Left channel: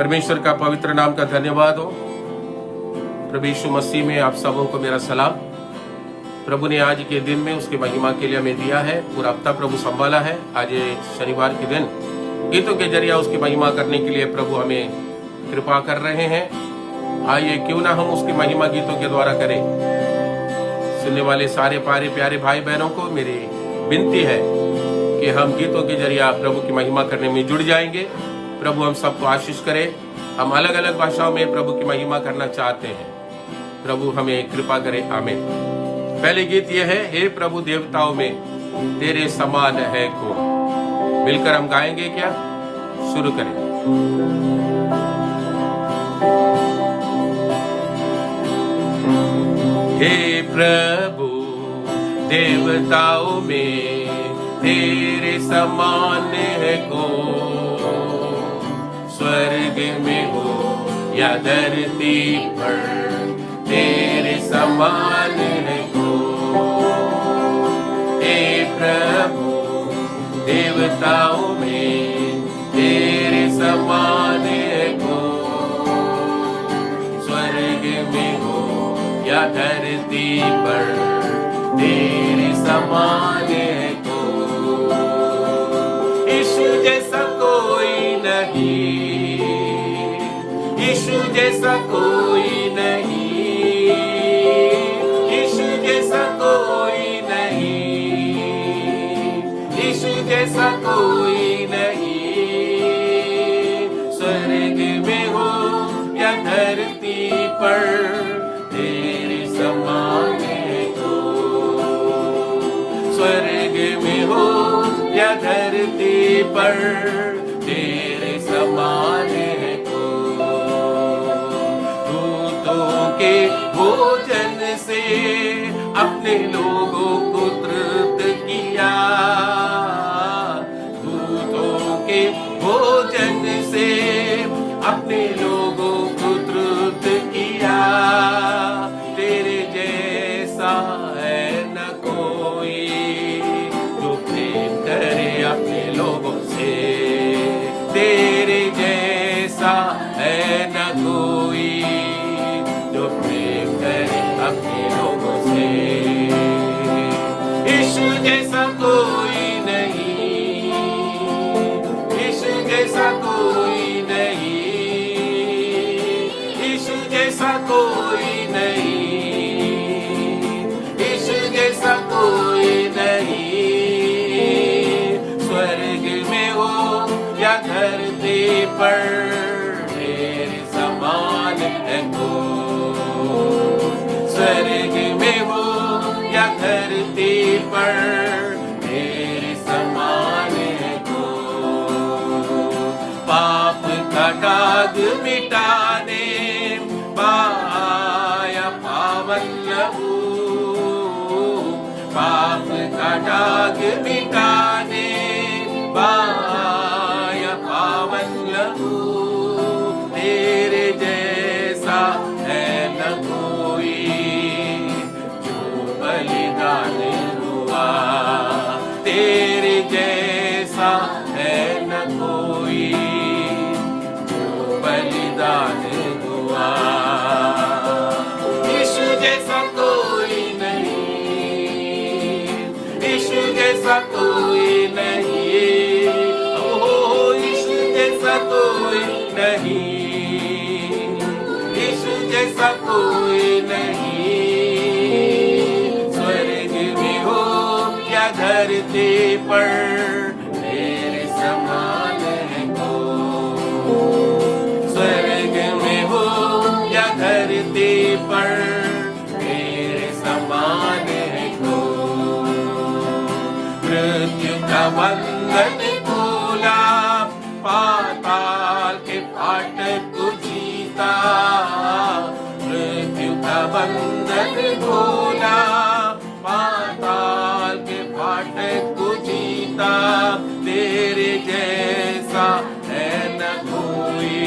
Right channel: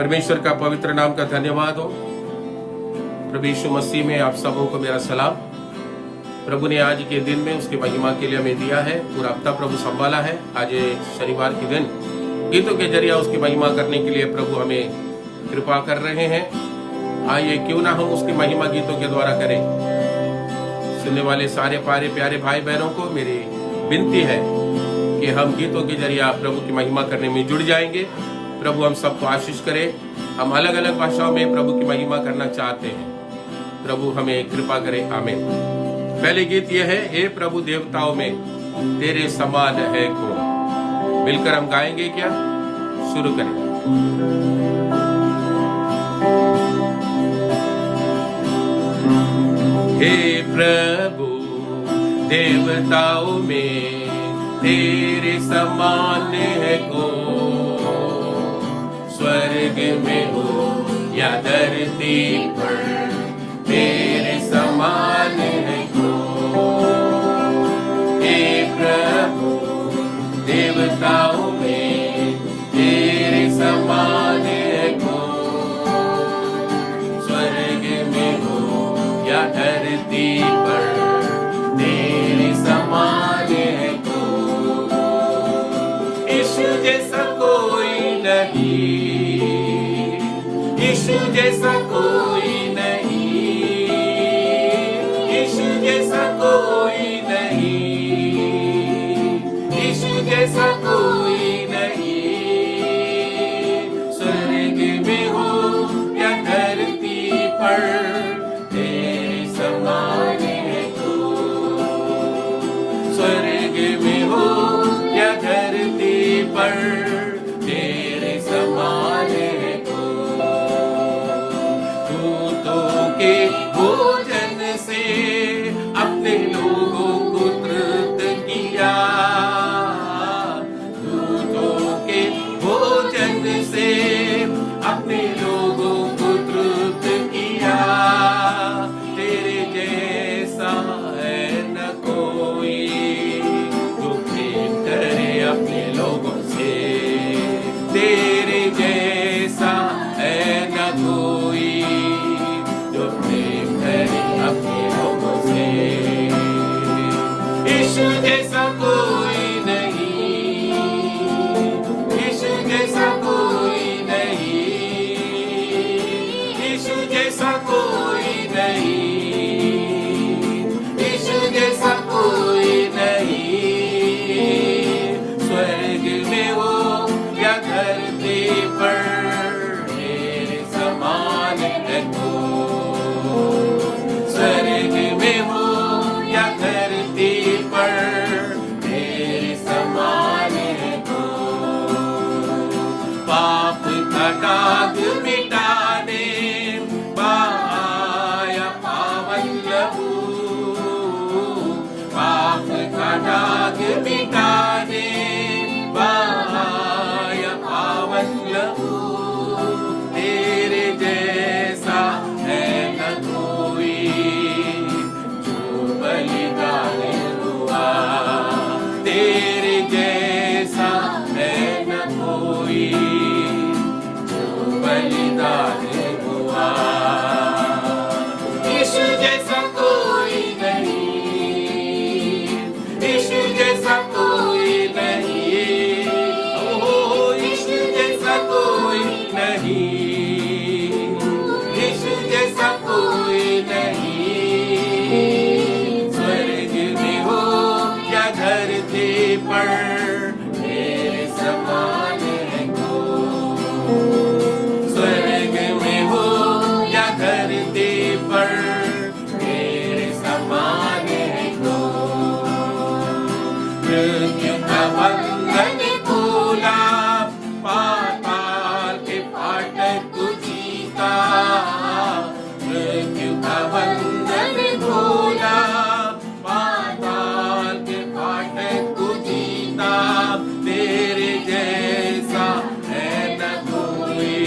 परमेश्वर का पवित्र नाम का धन्यवाद हो। प्रभु यीशु मसीह में आप सबों को मेरा सलाम। प्रभु ने आज के दिन में उसकी महिमा के लिए हमें दिया है, पूरा हफ्ता प्रभु संभाला है। आज ये शनिवार के दिन गीतों के जरिए उसकी महिमा करने के लिए प्रभु हमें कृपा कर रहे हैं। आइए क्यों ना हम उसकी महिमा गीतों के द्वारा करें। सुनने वाले सारे प्यारे भाई बहनों को मेरी विनती है कि हम गीतों के जरिए प्रभु की महिमा करने में जुड़ जाएंगे। प्रभु हम सबको आशीष करे। हम अलग अलग भाषाओं में प्रभु की महिमा करना चाहते हैं। प्रभु हमें कृपा करे, आमीन। पहले गीत यह है, हे प्रभु देवताओं में तेरे समान है कौन। मिलकर हम गाएंगे क्या? शुरू करें। हे प्रभु देवताओं में तेरे समान है कौन। स्वर्ग में हो या धरती पर तेरे समान है कौन। हे प्रभु देवताओं में तेरे समान है कौन। स्वर्ग में हो या धरती पर तेरे समान है कौन। यीशु जैसा कोई नहीं, यीशु जैसा कोई नहीं, यीशु जैसा कोई नहीं, यीशु जैसा कोई नहीं। स्वर्ग में हो या धरती पर तेरे समान है कौन। स्वर्ग में हो या धरती पर तेरे समान है कौन। दूतों के भोजन से अपने लोगों को तृप्त किया। दूतों के भोजन से अपने लोगों को तृप्त किया। तेरे जैसा है न कोई जो प्रेम करे अपने लोगों से। तेरे जैसा है न कोई जो प्रेम करे अपने लोगों से। यीशु जैसा कोई नहीं, यीशु जैसा कोई नहीं, यीशु जैसा कोई नहीं, यीशु जैसा कोई नहीं। स्वर्ग में हो या धरती पर तेरे समान है कौन। स्वर्ग में हो या धरती पर तेरे समान है कौन। पाप का दाग मिटाने पाया पावन लहू। पाप का दाग मिटाने पाया पावन लहू। तेरे जैसा है न कोई जो बलिदान हुआ। तेरे जैसा है न कोई जो बलिदान हुआ। यीशु जैसा कोई नहीं, यीशु जैसा कोई नहीं, ओ यीशु जैसा कोई नहीं, यीशु जैसा कोई नहीं। स्वर्ग में हो या धरती पर तेरे समान है कौन। स्वर्ग में हो या धरती पर तेरे समान है कौन। मृत्यु का बंधन खोला, पाताल के फाटक को जीता। मृत्यु का बंधन खोला, पाताल के फाटक को जीता। तेरे जैसा है न कोई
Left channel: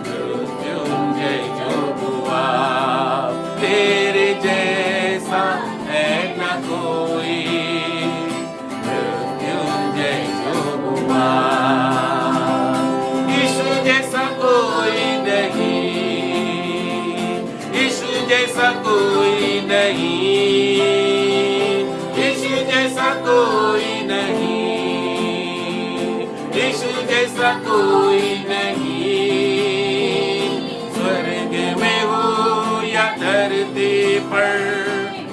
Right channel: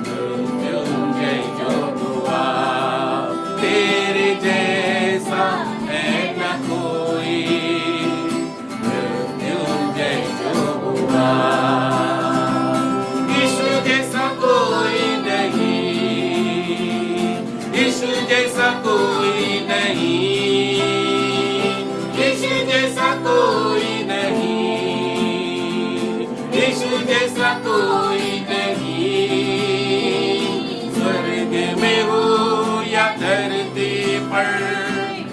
मृत्युंजय जो हुआ। तेरे जैसा है न कोई मृत्युंजय जो हुआ। यीशु जैसा यीशु जैसा कोई नहीं, स्वर्ग में हो या धरती पर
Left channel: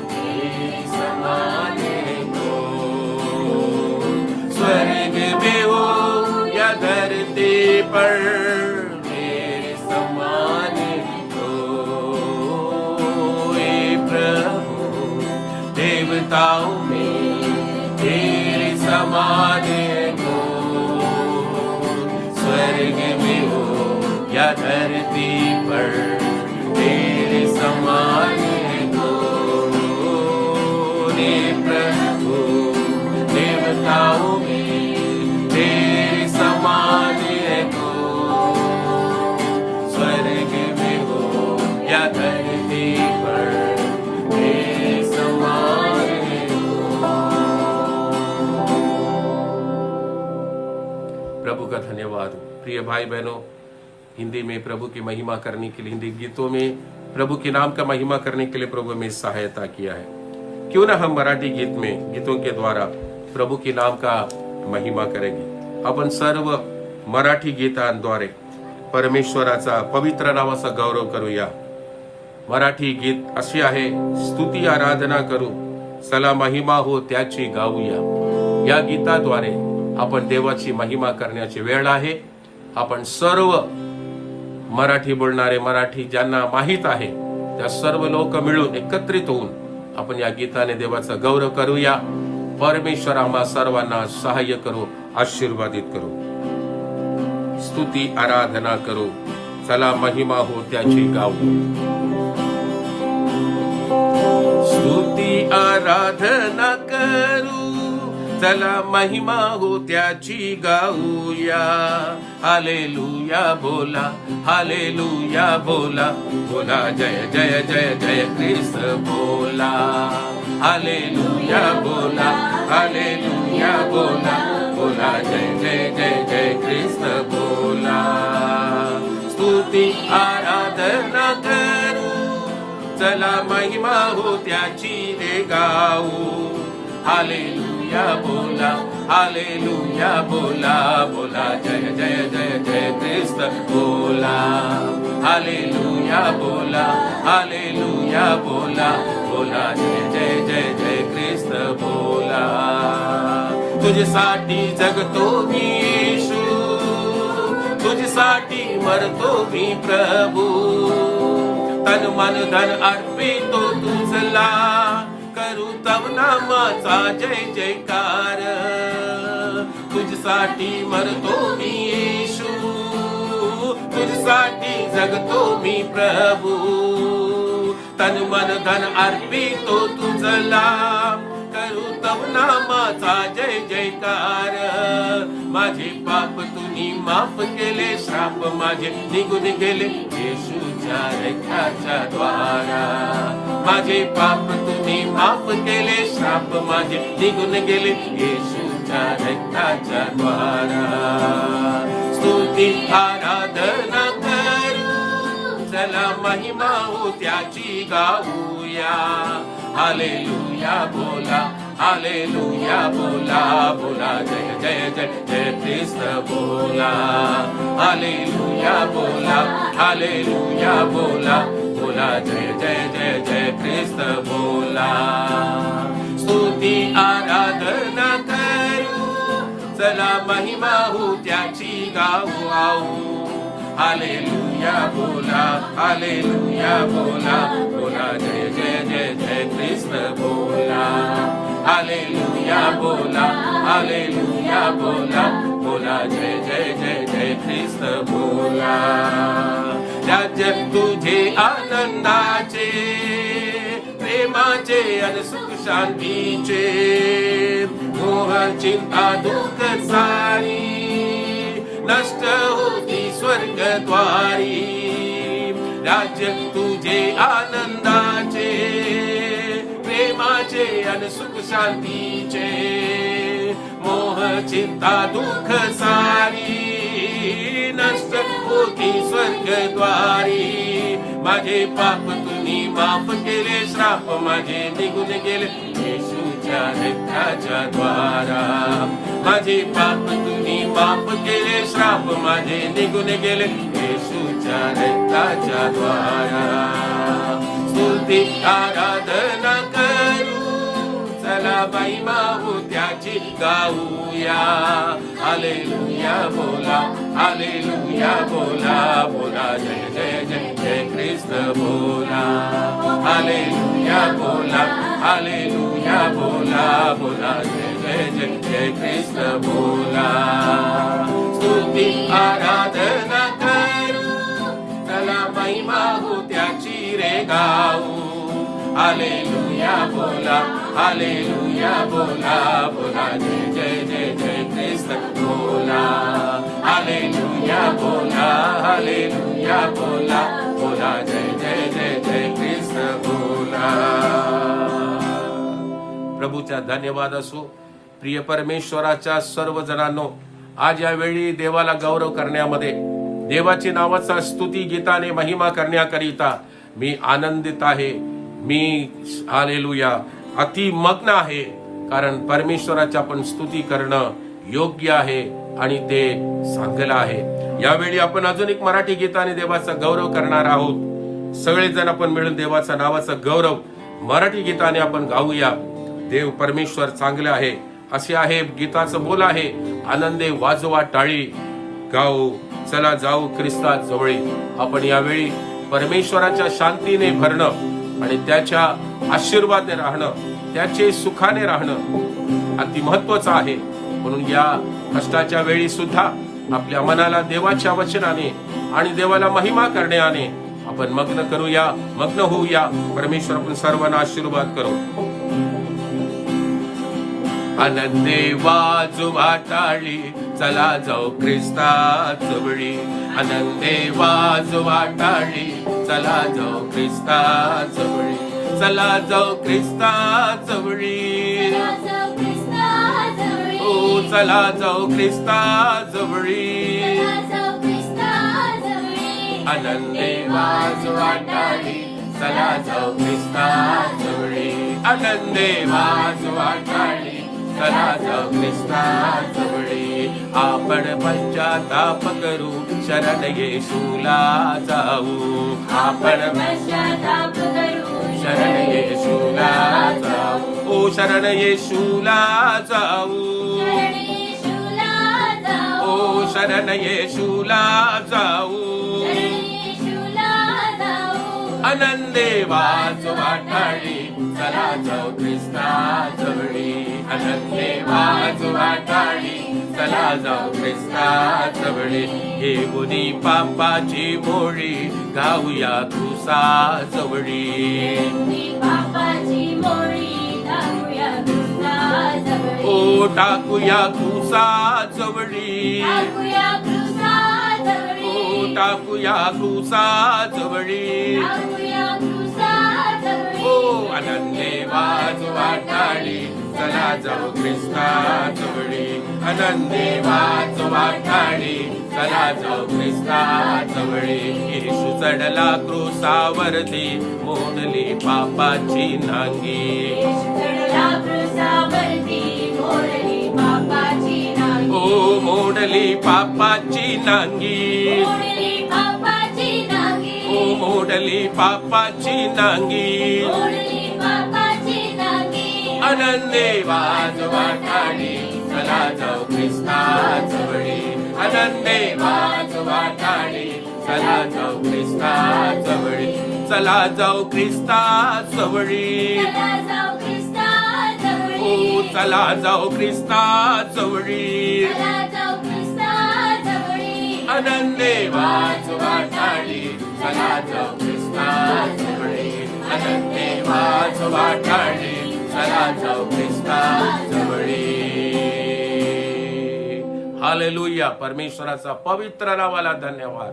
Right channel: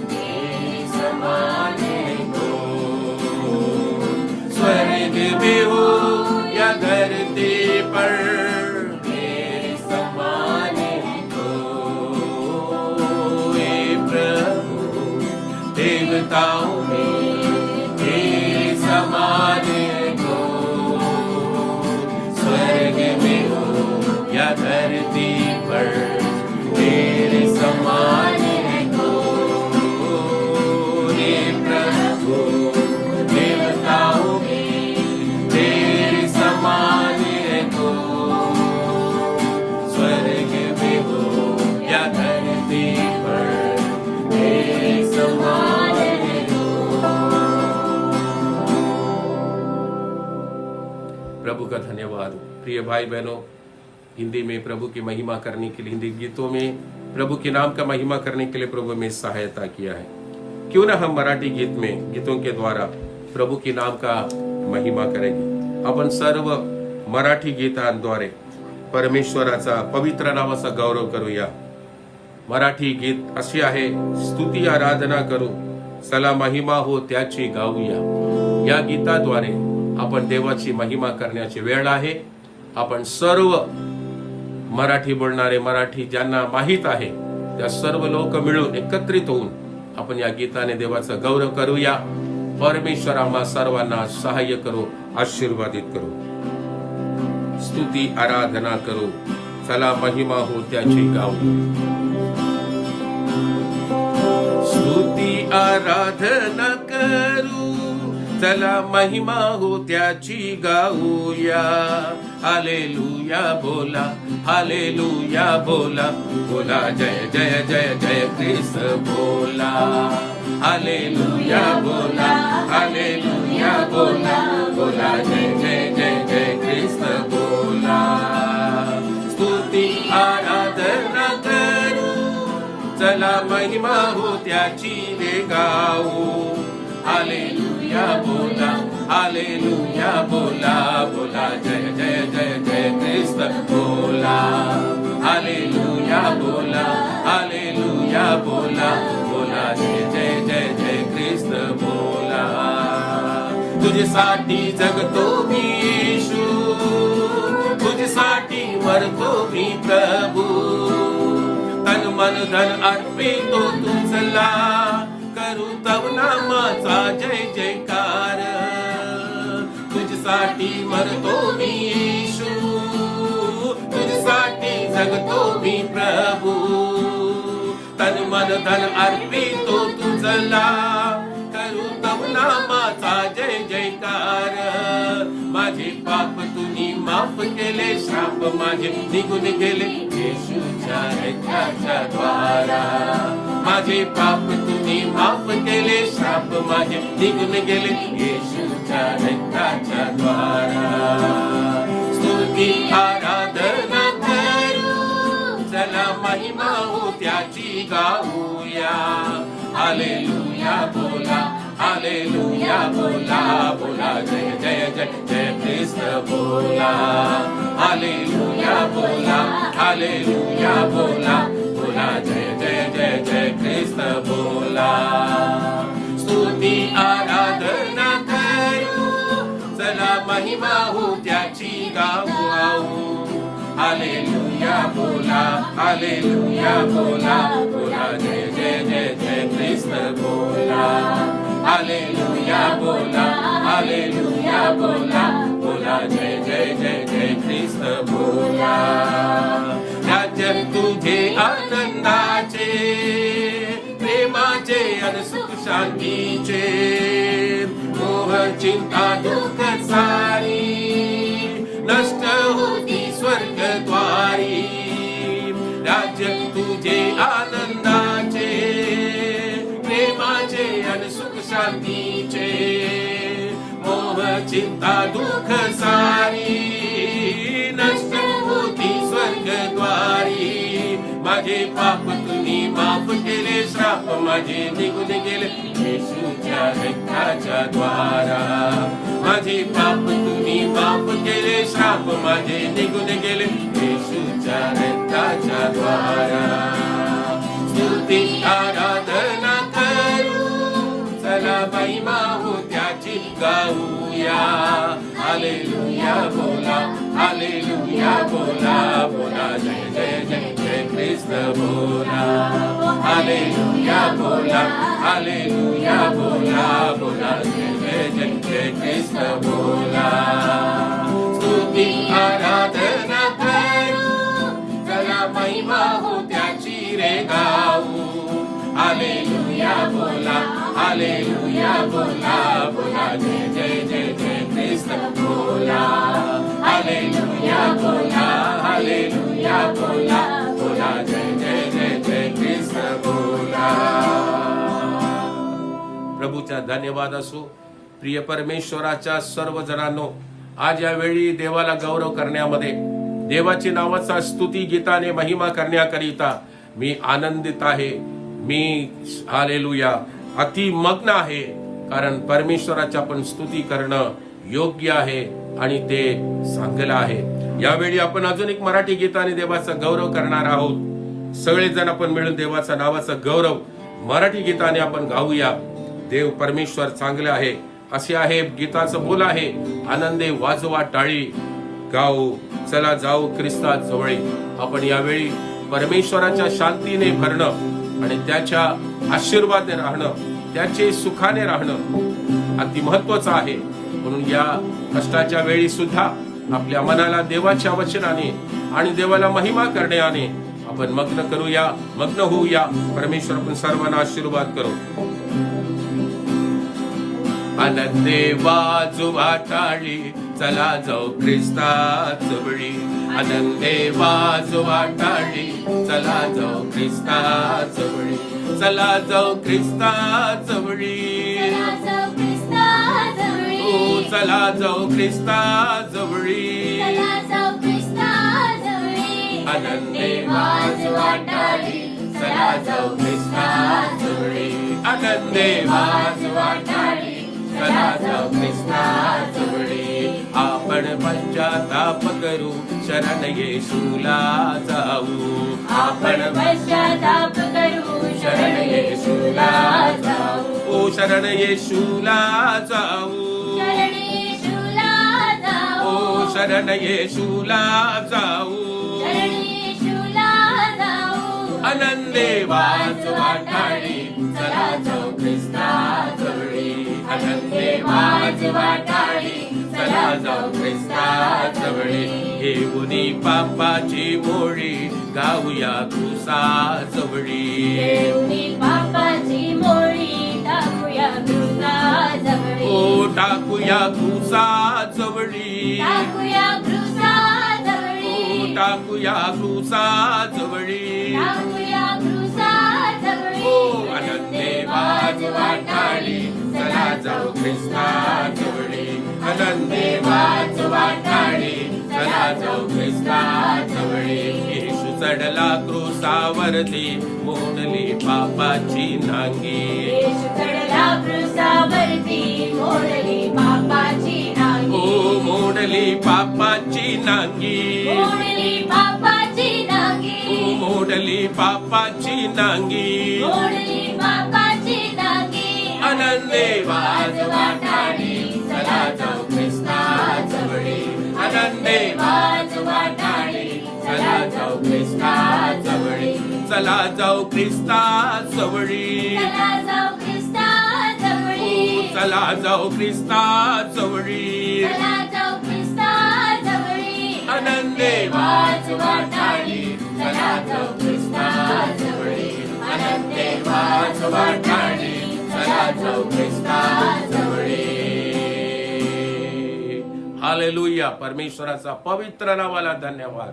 तेरे समान हो, स्वर्ग में हो या धरती पर तेरे समान हो। हे प्रभु देवताओं में तेरे समान हो, स्वर्ग में हो या धरती पर तेरे समान हो। हे प्रभु देवताओं में तेरे समान हो, स्वर्ग में हो या धरती पर तेरे समान हो। प्रभु का धन्यवाद। प्रिय भाई बहनों, हिंदी में प्रभु की महिमा करने के लिए, हिंदी गीतों में प्रभु के नाम का महिमा करने के लिए प्रभु में सहायता किया है। क्यों ना हम मराठी गीतों के द्वारा प्रभु के नाम का महिमा करेंगे। आपण सर्व मराठी गीतांद्वारे परमेश्वराचा पवित्र नावाचा गौरव करूया। मराठी गीत अशी आहे, स्तुती आराधना करू, चला महिमा हो त्याची गाऊया। या गीताद्वारे आपण देवाची महिमा करण्याची वेळ आहे। आपण सर्व मराठी बोलणारे, मराठी ज्यांना माहीत आहे त्या सर्व लोक मिळून एकत्रित होऊन आपण या गीताने देवाचा गौरव करूया। परमेश्वर आम्हा सर्वांना सहाय्य करो, आशीर्वादित करो। स्तुती आराधना करो, चला महिमा हो त्याची गाऊया। स्तुती आराधना करू, चला महिमा हो त्याची गाऊया। हालेलुया बोला, हालेलुया बोला, बोला जय जय जय जय ख्रिस्त बोला। हालेलुया बोला, हालेलुया बोला, बोला जय जय जय जय ख्रिस्त बोला। स्तुती आराधना करू, चला महिमा हो त्याची रे गाऊ। हालेलुया बोला, हालेलुया बोला, बोला जय जय जय जय ख्रिस्त बोला। हालेलुया बोला, हालेलुया बोला, बोला जय जय जय जय ख्रिस्त बोला। तुझ्यासाठी जगतो मी येशू, तुझ्यासाठी मरतो मी प्रभू, तन मन धन अर्पितो तुझला, करू तव नामाचा जय जयकार। तुझसाठी मरतो मी येशू, तुझसाठी जगतो मी प्रभू, तन मन धन अर्पितो तुझला, करू तव नामाचा जय जयकार। माझे पाप तुम्ही माफ केले, श्राप माझे निघून गेले येशूच्या रक्ताच्या द्वारा। माझे पाप तुम्ही माफ केले, श्राप माझे निघून गेले येशूच्या रक्ताच्या द्वारा। स्तुती आराधना करू, चला महिमा हो त्याची गाऊया। हालेलुया बोला, हालेलुया बोला, बोला जय जय जय जय ख्रिस्त बोला। हालेलुया बोला, हालेलुया बोला, बोला जय जय जय जय ख्रिस्त बोला। स्तुती आराधना करू, चला महिमा हो त्याची गाऊ। हालेलुया बोला, हालेलुया बोला, बोला जय जय जय जय ख्रिस्त बोला। हालेलुया बोला, हालेलुया बोला, बोला जय जय जय जय ख्रिस्त बोला। राज्य तुझे आनंदाचे, प्रेमाचे आणि सुख शांतीचे, मोह चिंता दुःख सारी नष्ट होती स्वर्गद्वारी। राज्य तुझे आनंदाचे, प्रेमाचे आणि सुख शांतीचे, मोह चिंता दुःख सारी नष्ट होती स्वर्गद्वारी। माझे पाप तुम्ही माफ केले, श्राप माझे निघून गेले येशूच्या रक्ताच्या द्वारा. माझे पाप तुम्ही माफ केले, श्राप माझे निघून गेले येशूच्या रक्ताच्या द्वारा. स्तुती आराधना करू, चला महिमा हो त्याची गाऊया. हालेलुया बोला, हालेलुया बोला, बोला जय जय जय जय ख्रिस्त बोला. हालेलुया बोला, हालेलुया बोला, बोला जय जय जय जय ख्रिस्त बोला. स्तुती आराधना करू, चला महिमा हो त्याची रे गाऊ. हालेलुया बोला, हालेलुया बोला, बोला जय जय जय जय ख्रिस्त बोला. हालेलुया बोला, हालेलुया बोला, बोला जय जय जय जय ख्रिस्त बोला. प्रभूचा धन्यवाद असो. प्रिय परमेश्वराच्या सर्व जणांनो, आज यावेळी देवाला गौरव करण्यामध्ये, देवाची नावाचा स्तुती गीताने महिमा करण्याकरिता मी आनंदित आहे. मी हालेलुया अतिमग्न आहे, कारण परमेश्वराच्या आपण स्तुती करणं योग्य आहे आणि ते चांगलं आहे. यावेळी आपण अजून एक मराठी गीताने देवाचा गौरव करणार आहोत. सगळेजण आपण मिळून देवाचा नावाचा गौरव मराठी गीताने आपण गाऊया. देव परमेश्वर चांगले आहे. असे आहे गीताचं बोल आहे, आनंदे वाजवा टाळी गाऊ, चला जाऊ ख्रिस्ता जवळी. आपण यावेळी परमेश्वराच्या शांतीने भरणं आणि त्याच्या आशीर्वादाने राहणं, त्याचे सुखाने राहणं अति महत्वाचं आहे. म्हणून या कष्टाच्या वेळी सुद्धा आपल्या मनाला देवाच्या वचनाने आणि देवाला महिमा करण्याने आपण मग्न करूया, मग्न होऊया. परमेश्वर आपण सर्वांना आशीर्वाद करू. आनंदे वाजवा टाळी, चला जाऊ ख्रिस्ता जवळी. आनंदे वाजवा टाळी, चला जाऊ ख्रिस्ता जवळी. चला जाऊ ख्रिस्ता जवळी, ओ चला जाऊ ख्रिस्ता जवळी. आनंदे वाजवा टाळी, चला जाऊ ख्रिस्ता जवळी. आनंदे वाजवा टाळी, चला जाऊ ख्रिस्ता जवळी. आपण पश्चाताप करू, शरण येशूला जाऊ. आपण पश्चाताप करू, शरण येशूला जाऊ. ओ शरण येशूला जाऊ, ओ शरण येशूला जाऊ. आनंदे वाजवा टाळी, चला जाऊ ख्रिस्ता जवळी. आनंदे वाजवा टाळी, चला जाऊ ख्रिस्ता जवळी. हे गुणी पापाची मोळी, गाऊया क्रूसा जवळी. ओ टाकूया क्रूसा जवळी, ओ टाकूया क्रूसा जवळी. ओ आनंदे वाजवा टाळी, चला जाऊ ख्रिस्ता जवळी. आनंदे वाजवा टाळी, चला जाऊ ख्रिस्ता जवळी. येशू चढला क्रूसावरती, मोडली पापाची नांगी. ओ मोडली पापाची नांगी, ओ मोडली पापाची नांगी. आनंदे वाजवा टाळी, चला जाऊ ख्रिस्ता जवळी. आनंदे वाजवा टाळी, चला जाऊ ख्रिस्ता जवळी. चला जाऊ ख्रिस्ता जवळी, ओ चला जाऊ ख्रिस्ता जवळी. आनंदे वाजवा टाळी, चला जाऊ ख्रिस्ता जवळी. आनंदे वाजवा टाळी, चला जाऊ ख्रिस्ता जवळी. हालेलुया. परमेश्वराचा पवित्र नावाला धन्यवाद.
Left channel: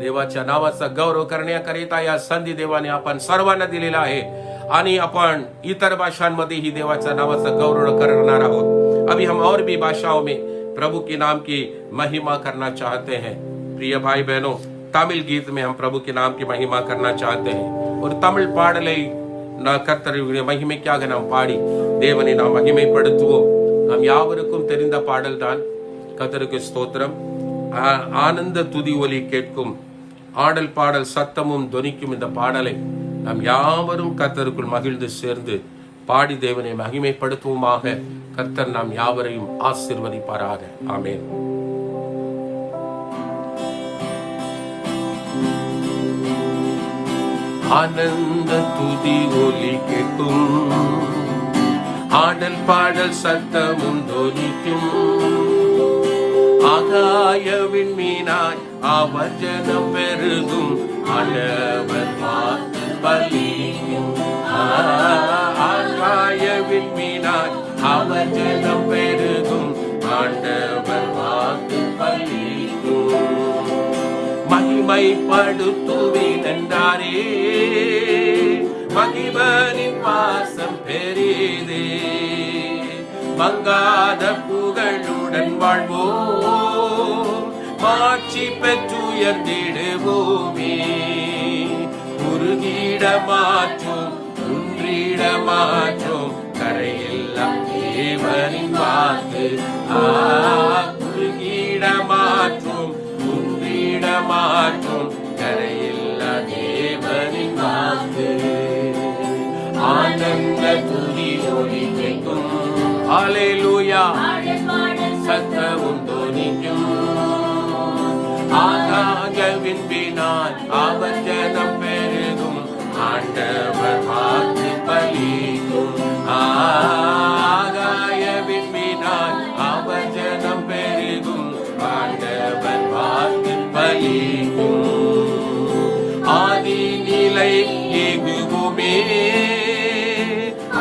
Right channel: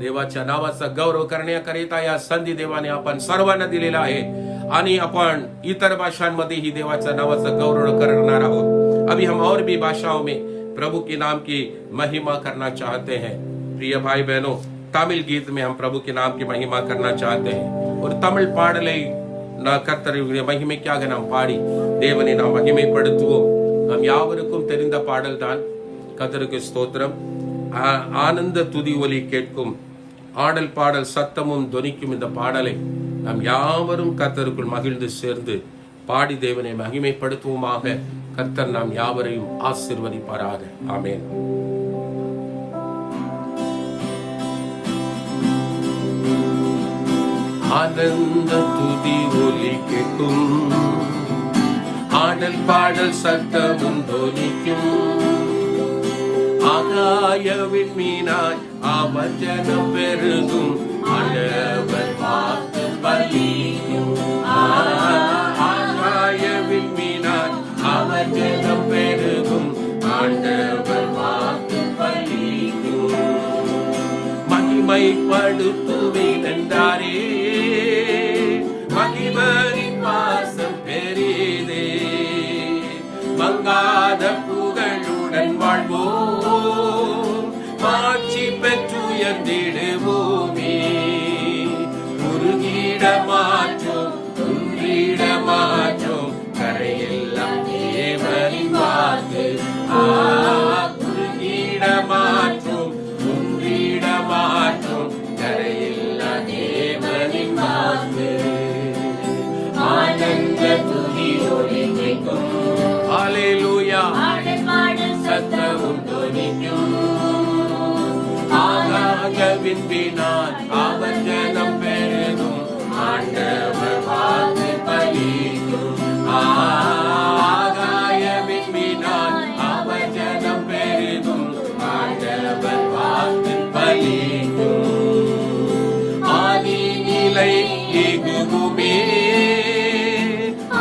देवाच्या नावाचा गौरव करण्याकरिता या संधी देवाने आपण सर्वांना दिलेला आहे आणि आपण इतर भाषांमध्ये ही देवाच्या नावाचा गौरव करणार आहोत. अभी हम और भी भाषाओं में प्रभु के नाम की महिमा करना चाहते हैं. प्रिय भाई बहनों, तमिल गीत में हम प्रभु के नाम की महिमा करना चाहते हैं. ஒரு தமிழ் பாடலை கர்த்தருடைய மகிமைக்காக நாம் பாடி தேவனை நாம் மகிமைப்படுத்துவோம். நாம் யாவருக்கும் தெரிந்த பாடல் தான். கர்த்தருக்கு ஸ்தோத்திரம். ஆனந்த துதி ஒலி கேட்கும், ஆடல் பாடல் சத்தமும் தொனிக்கும் இந்த பாடலை நாம் யாவரும் கர்த்தருக்குள் மகிழ்ந்து சேர்ந்து பாடி தேவனை மகிமைப்படுத்துவோமாக. கர்த்தர் நாம் யாவரையும் ஆசீர்வதிப்பாராக. ஆமென். ஆனந்த துதி ஒலி கேட்கும், ஆடல் பாடல் சத்தமும் தொனிக்கும், ஆகாயவின் மீனாய் அவர் ஜனம் பெருகும், ஆண்டவர் வாக்கு பலிக்கும். ஆகாயவின் மீனாய் அவர் ஜனம் பெருகும், ஆண்டவர் வாக்கு பலிக்கும். மகிமைப்படுத்துவேன் என்றாரே, மகிமனின் வாசம் பெரிதே, மங்காத புகழுடன் வாழ்வோம், மாட்சி பெற்றுயர்ந்திடுவோமே. உருகிட மாற்றோம், குன்றிட மாற்றோம், கரையெல்லாம் தேவனின் வாக்கு. உருகிட மாற்றோம், குன்றிட மாற்றோம், கரையெல்லாம் தேவனின் வாக்கு. ஆனந்த துதி ஒலி கேட்கும், ஹல்லேலூயா, சத்தமும் தொனிக்கும், ஆகாயவின் வினாய் அவர் ஜனம் பெருகும், ஆண்டவர் வாக்கு பலிக்கும். ஆகாயவின் வினாய் அவர் ஜனம் பெருகும், ஆண்டவர் வாக்கு பலிக்கும். ஆதி நிலை எகுமே,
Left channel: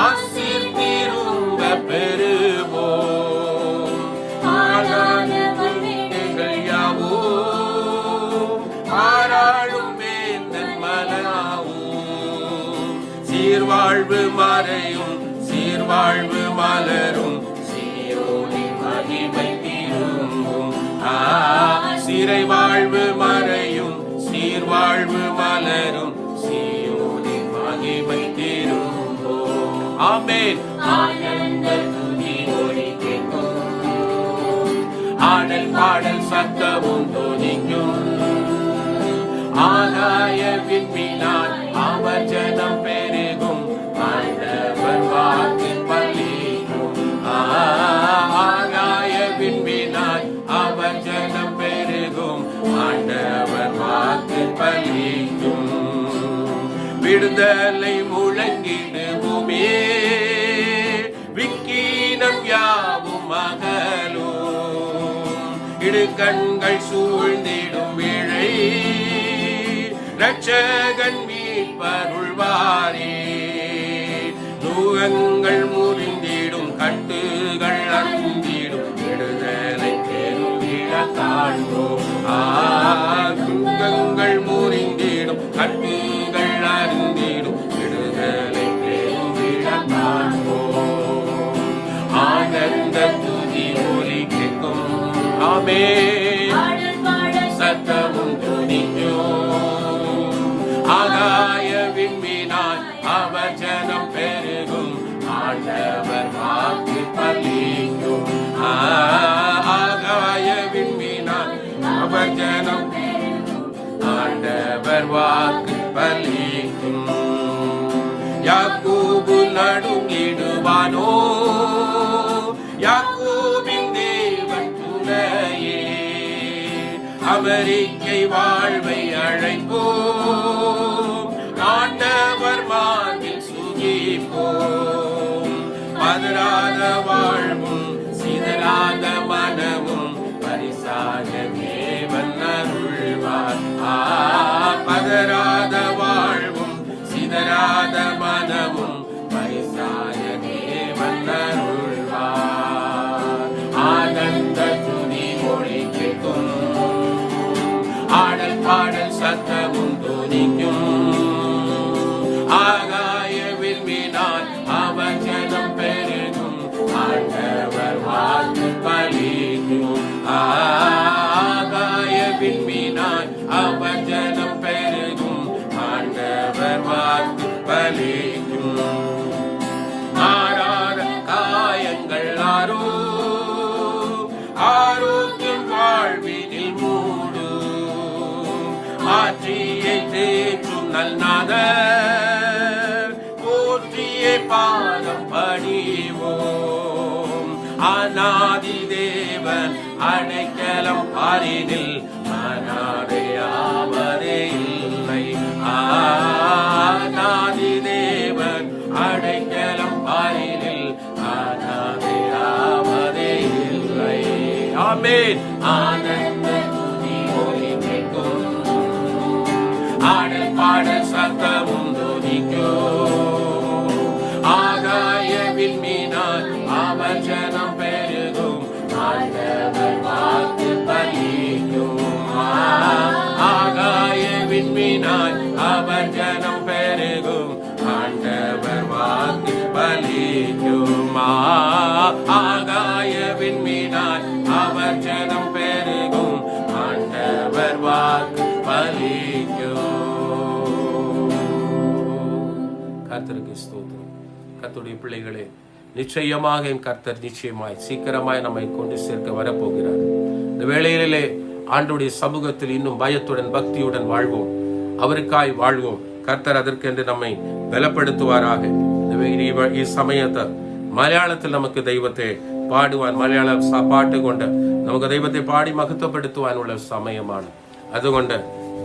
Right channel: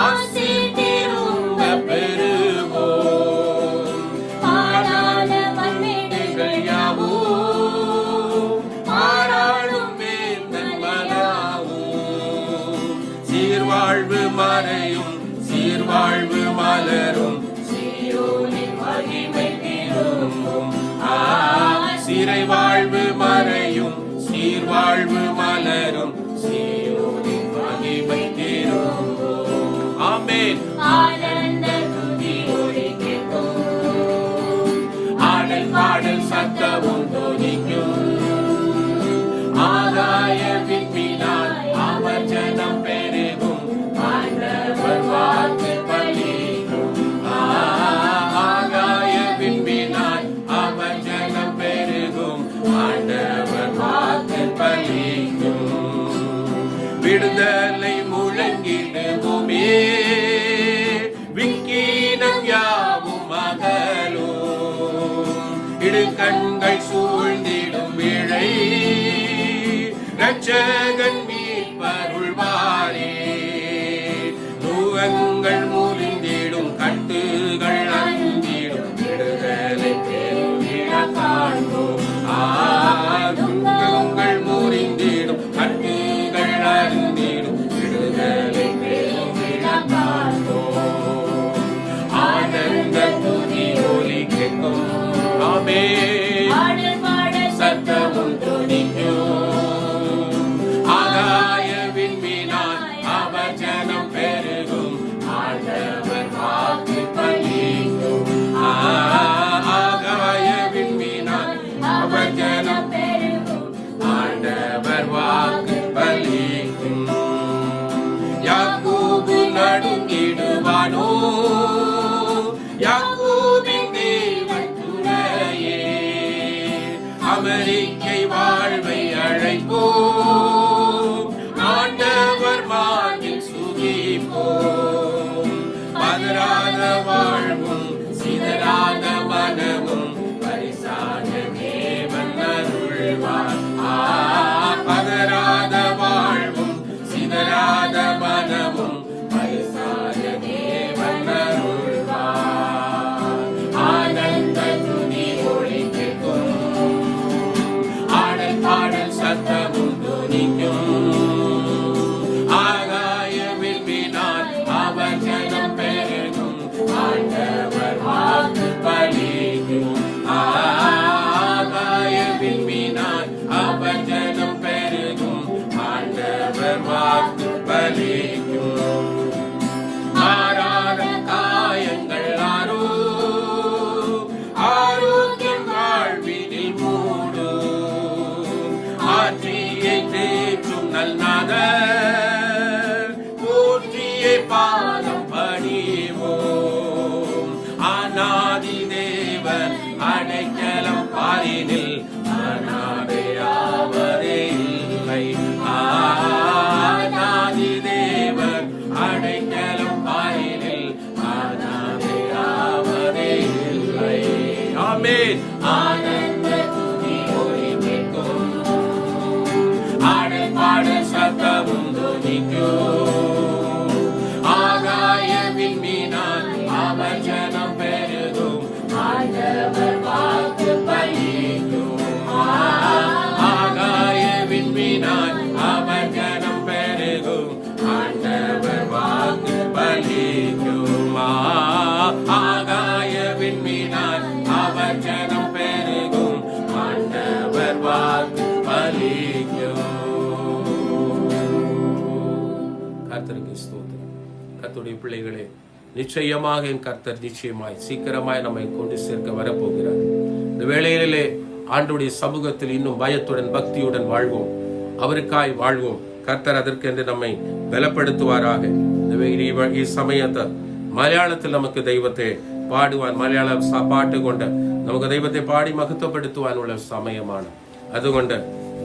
ஆசீர் திரும்ப பெறுவோம், ஆனாலும் யாவும் ஆராளும் வேந்தன் மனாவும், சீர்வாழ்வு மறையும் சீர்வாழ்வு மலரும், சீயோனின் மகிமை திரும்பும். சிறை வாழ்வு மறையும் சீர்வாழ்வு மலரும், சீயோனின் மகிமை திரும்பும். ஆமென். ஆனந்த துதி ஒலி கேட்கும், ஆடல் பாடல் சத்தமும் தொனிக்கும், ஆகாயவின் மீனாய் அவர் ஜனம் பெருகும், ஆண்டவர் வாக்கு பலிக்கும். ஆகாயவின் மீனாய் அவர் ஜனம் பெருகும், ஆண்டவர் வாக்கு பலிக்கும். விடுதலை முழங்கிடுவோமே, விக்கீனம் யாவும் அகலும், இடுக்கண்கள் சூழ்ந்திடும் வேளை இரட்சகன் மீட்பருள்வாரே. நுகங்கள் முறிந்திடும், கட்டுகள் அறுந்திடும், விடுதலை பெருமிட காண்போம். துன்பங்கள் முறிந்திடும், கட்டுகள் அறுந்திடும், விடுதலை பெருமிட காண்போம். ஆனந்த துதி ஒலி கேட்கும், ஆமென், சத்தமும் துணிக்கும், ஆகாயவின் மீனாய் அவர் ஜனம் பெருகும், ஆண்டவர் வாக்கு பலிக்கும். ஆகாயவின் மீனாய் அவர் ஜனம் பெருகும், ஆண்டவர் வாக்கு பலிக்கும். யாக்கோபு நடுங்கிடுவானோ, யாக்கோபின் தேவன் துணையே, அமெரிக்கை வாழ்வை அழைப்போம், ஆண்டவர் மார்பில் சுகிப்போம். பதறாத வாழ்வும் சிதறாத மனமும் பரிசாக தேவன் அருள்வார். பதறாத வாழ்வும் சிதறாத மனமும் பரிசாக தேவன் அருள்வார். ஆனந்த துதி ஒலி கேட்கும், ஆடல் பாடல் சத்தமும் தொனிக்கும், ஆகாயவின் மீனாய் அவர் ஜனம் பெருகும், ஆண்டவர் வாக்கு பலிக்கும். ஆகாய விண்மீனாய் அவர் ஜனம் பெருகும் ஆண்டவர் வாக்கு பலிக்கும். மாறாத காயங்கள் ஆரோக்கியம் வாழ்வினில் மூடும். ஆற்றியை தேற்றும் நல்நாதர் போற்றியை பாதம் பணிவோம். அநாதி தேவன் அடைக்கலம் பாரினில் அநாதையாவரே இல்லை. அநாதி தேவன் அடைக்கலம் பாரினில் அநாதையாவரே இல்லை. ஆமென். ஆனந்த துதி ஒலி கேட்கும், ஆடல் பாடல் சத்தமும் துதிக்கும். ஆகாய விண்மீனாய் அவர் ஜனம் பெருகும் ஆண்டவர் வாக்கு பலிக்கும். ஆகாய விண்மீனாய் அவர் ஜனம் பெருகும் ஆண்டவர் வாக்கு பலிக்கும். ஆகாய விண்மீனாய் அவர் ஜனம் பெருகும் ஆண்டவர் வாக்கு பலிக்கும். கர்த்தருக்கு ஸ்தோத்திரம். கர்த்தருடைய பிள்ளைகளே, நிச்சயமாக என் கர்த்தர் நிச்சயமாய் சீக்கிரமாய் நம்மை கொண்டு சேர்க்க வரப்போகிறார். இந்த வேளையிலே ஆண்டுடைய சமூகத்தில் இன்னும் பயத்துடன் பக்தியுடன் வாழ்வோம், அவருக்காய் வாழ்வோம். கர்த்தர் அதற்கென்று நம்மை பலப்படுத்துவாராக. சமயத்தை மலையாளத்தில் நமக்கு தெய்வத்தை பாடுவான், மலையாள பாட்டு கொண்ட നമുക്ക് ദൈവത്തെ പാടി മഹത്വപ്പെടുത്തുവാനുള്ള സമയമാണ്. അതുകൊണ്ട്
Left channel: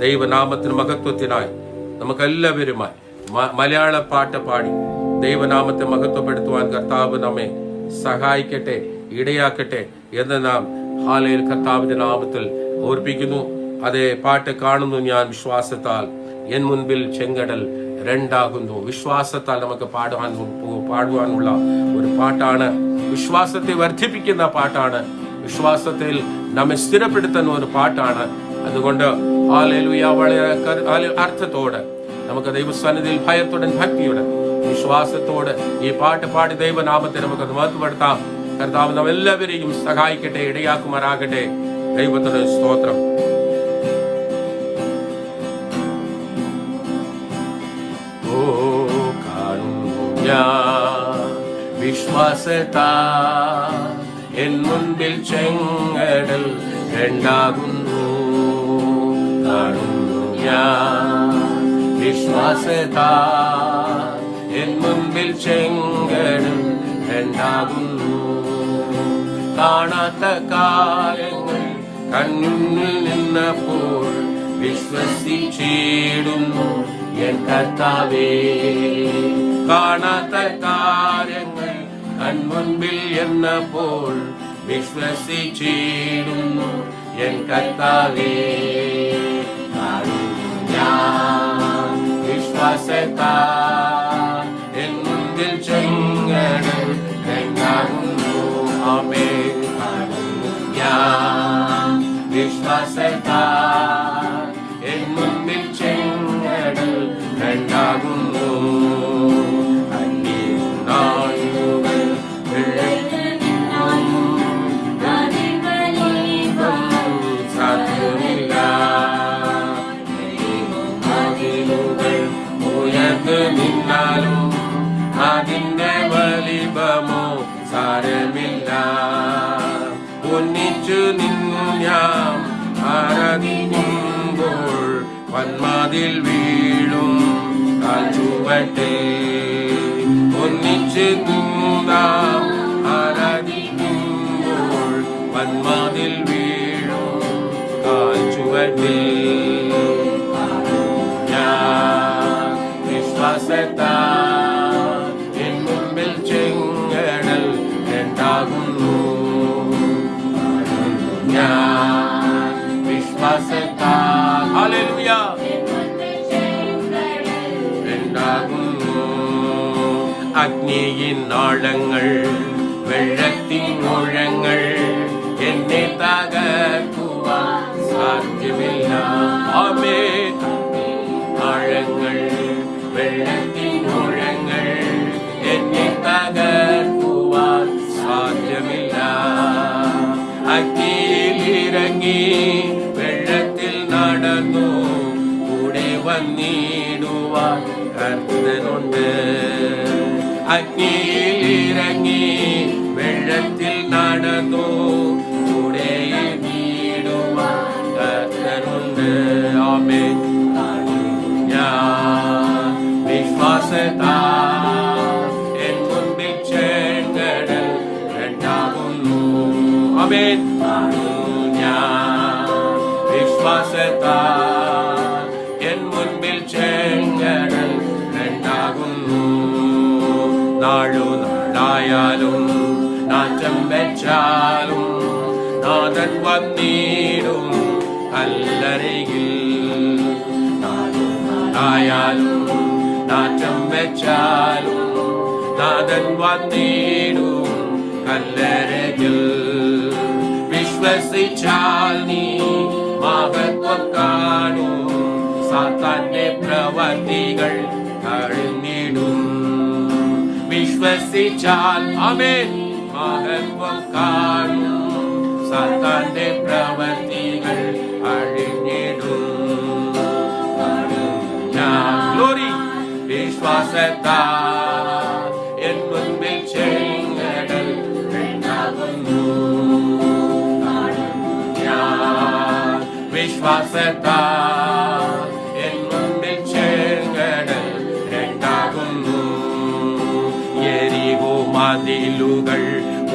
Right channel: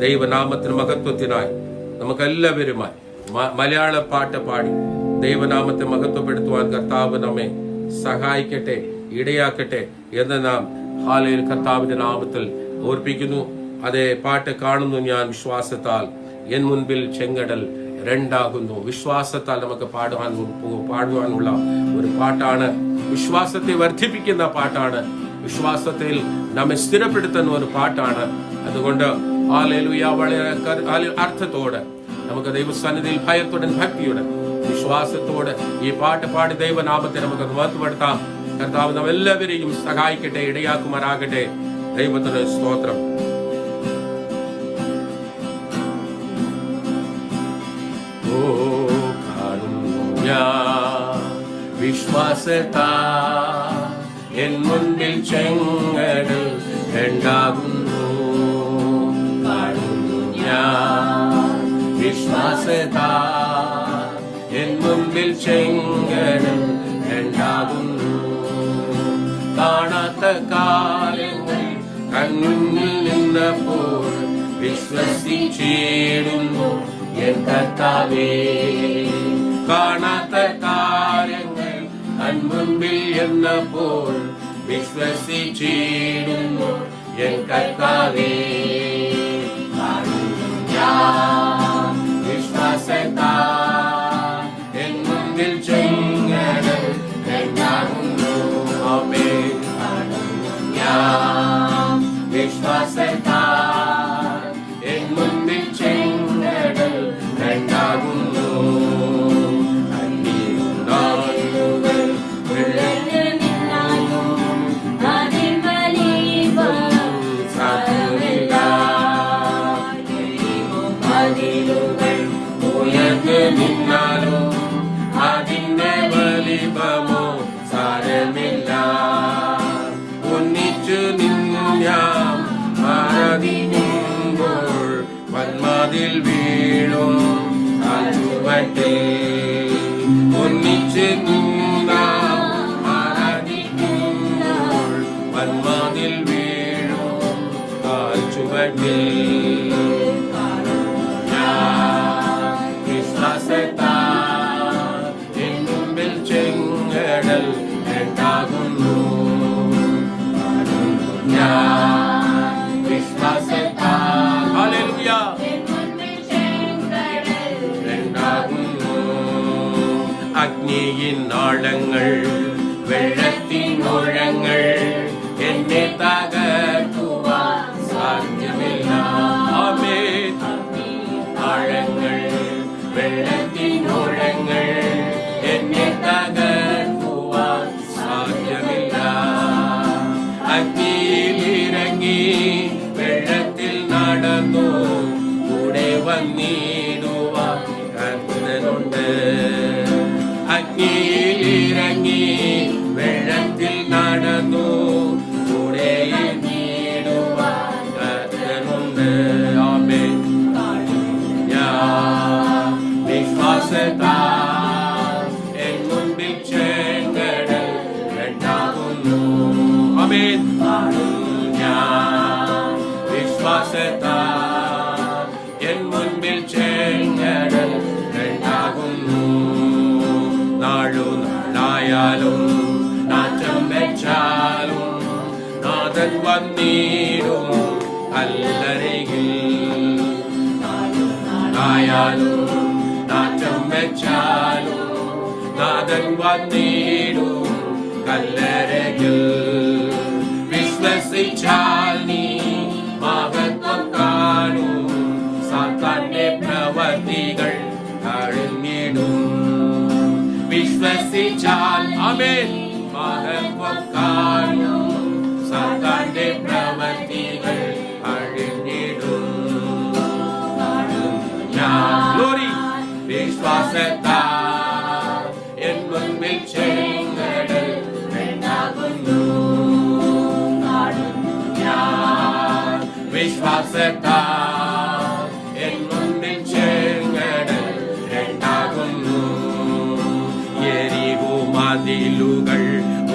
ദൈവനാമത്തിന് മഹത്വത്തിനായി നമുക്കെല്ലാവരുമായി മലയാള പാട്ട് പാടി ദൈവനാമത്തെ മഹത്വപ്പെടുത്തുവാൻ കർത്താവ് നമ്മെ സഹായിക്കട്ടെ, ഇടയാക്കട്ടെ എന്ന് നാം ഹാലയിൽ കർത്താവിന്റെ നാമത്തിൽ ഓർപ്പിക്കുന്നു. അതേ പാട്ട് കാണുന്നു ഞാൻ വിശ്വാസത്താൽ, എൻ മുൻപിൽ ചെങ്കടൽ രണ്ടാകുന്നു. വിശ്വാസത്താൽ നമുക്ക് പാടുവാനുള്ള ഒരു പാട്ടാണ്. വിശ്വാസത്തെ വർദ്ധിപ്പിക്കുന്ന പാട്ടാണ്. വിശ്വാസത്തിൽ നമ്മെ സ്ഥിരപ്പെടുത്തുന്ന ഒരു പാട്ടാണ്. അതുകൊണ്ട് ഹല്ലേലൂയ വളരെ അർത്ഥത്തോടെ നമുക്ക് ദൈവസന്നിധിയിൽ ഭയത്തോടെ ഭക്തിയോടെ വിശ്വാസത്തോടെ ഈ പാട്ട് പാടി ദൈവനാമത്തെ നമുക്ക് മഹത്വപ്പെടുത്താം. കർത്താവ് നമ്മെല്ലാവരെയും സഹായിക്കട്ടെ, ഇടയാക്കുമാറാകട്ടെ. ദൈവത്തിന് സ്തോത്രം. ഓ കാണുന്നു ഞാൻ വിശ്വാസത്താൽ എൻ മുൻപിൽ ചെങ്കടൽ രണ്ടാകുന്നു. കാണുന്നു ഞാൻ വിശ്വാസത്താൽ എൻ മുൻപിൽ ചെങ്കടൽ രണ്ടാകുന്നു. കാണാത്ത കാര്യങ്ങൾ കൺമുന്നിൽ നിന്നപ്പോൾ വിശ്വസിച്ചിടുന്നു എൻ കർത്താവേ. കാണാത്ത കാര്യങ്ങൾ കൺമുൻപിൽ എന്നപ്പോൾ വിശ്വസിച്ചിടുന്നു എൻ കർത്താവേ. ഞാൻ വിശ്വാസത്താൽ എൻ മുൻപിൽ ചെങ്കടൽ രണ്ടാകുന്നു. ആമേൻ. ഞാൻ വിശ്വാസത്താൽ എൻ മുൻപിൽ ചെങ്കടൽ രണ്ടാകുന്നു. നിന്നാലും അതിന്റെ വലിപ്പമോ സാരമില്ല. ഒന്നിച്ചു നിന്നും ഞാൻ ആരാധിക്കുമ്പോൾ വന്മാതിൽ വീഴും കാൽച്ചുവട്ടെ. ഒന്നിച്ചു നിന്നാം ആരാധിക്കുമ്പോൾ വന്മാതിൽ വീഴും കാൽച്ചുവട്ടെ. വിശ്വാസത്താൽ എൻ മുൻപിൽ ചെങ്കടൽ രണ്ടാകുന്നു. ഞാൻ വിശ്വാസത്താൽ ഹല്ലേലൂയ രണ്ടാകുന്നു. അഗ്നിയിൻ നാളങ്ങൾ വെള്ളത്തിൻ മുഴങ്ങൾ എന്നെ തകർക്കുവാൻ സാധ്യമില്ല. ആമേൻ. ആഴങ്ങൾ വെള്ളത്തിൻ മുഴങ്ങൾ എന്നെ തകർക്കുവാൻ സാധ്യമില്ല. അഗ്നിയിലിറങ്ങി വെള്ളത്തിൽ നടന്നു കൂടെ വന്നിടുവാൻ കർത്തനുണ്ട്. അഗ്നിയിലിറങ്ങി വെള്ളത്തിൽ നടന്നു കൂടെ നീടുവാൻ കർത്തനുണ്ട്. ആമേൻ. ഞാൻ വിശ്വാസത്താൽ എൻ മുൻപിൽ ചെങ്കടൽ രണ്ടാകുന്നു. ആമേൻ. ഞാൻ വിശ്വാസത്താൽ എൻ മുൻപിൽ ചെങ്കടൽ രണ്ടാകുന്നു. നാളായാലും നാശം വെച്ചാലും നാഥൻ വന്നിടും കല്ലറയിൽ. നാളായാലും നാശം വെച്ചാലും നാഥൻ വന്നിടും കല്ലറയിൽ. വിശ്വസിച്ചാൽ നീ മഹത്വം കാണും, സാത്താന്റെ പ്രവൃത്തികൾ കഴിഞ്ഞിടും. വിശ്വസിച്ചാൽ ആമേൻ മഹത്വം കാണും, സാത്താന്റെ പ്രവൃത്തികൾ അഴിഞ്ഞിടും. ഞാൻ ഗ്ലോറി വിശ്വാസത്താൽ എൻ മുൻപിൽ ചെങ്കടൽ രണ്ടാകുന്നു. ഞാൻ വിശ്വാസത്താൽ എൻ മുൻപിൽ ചെങ്കടൽ രണ്ടാകുന്നു. യെരിഹോ മതിലുകൾ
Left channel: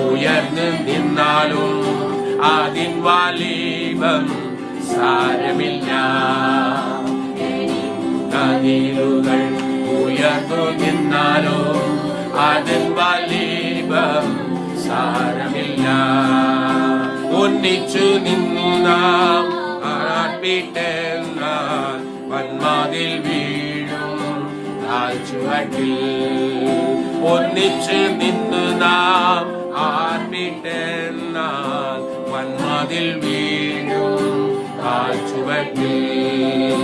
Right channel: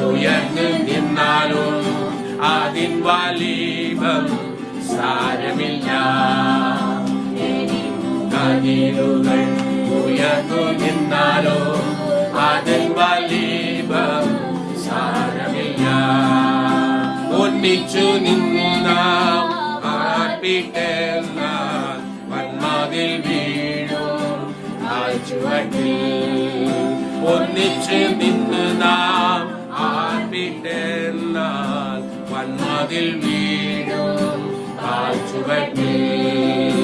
ഉയർന്നു നിന്നാലും അതിൻ വലിപ്പം സാരമില്ല. മതിലുകൾ ഉയർന്നു നിന്നാലും അതിൻ വലിപ്പം സാരമില്ല. ഒന്നിച്ചു നിന്നു നാം ആർപ്പിട്ടെന്നാൽ വന്മതിൽ വീഴും ചുവട്ടിൽ. ഒന്നിച്ച് നിന്ന് നാം ആർപ്പിട്ടെന്നാൽ വന്മതിൽ വീഴും ചുവട്ടിൽ.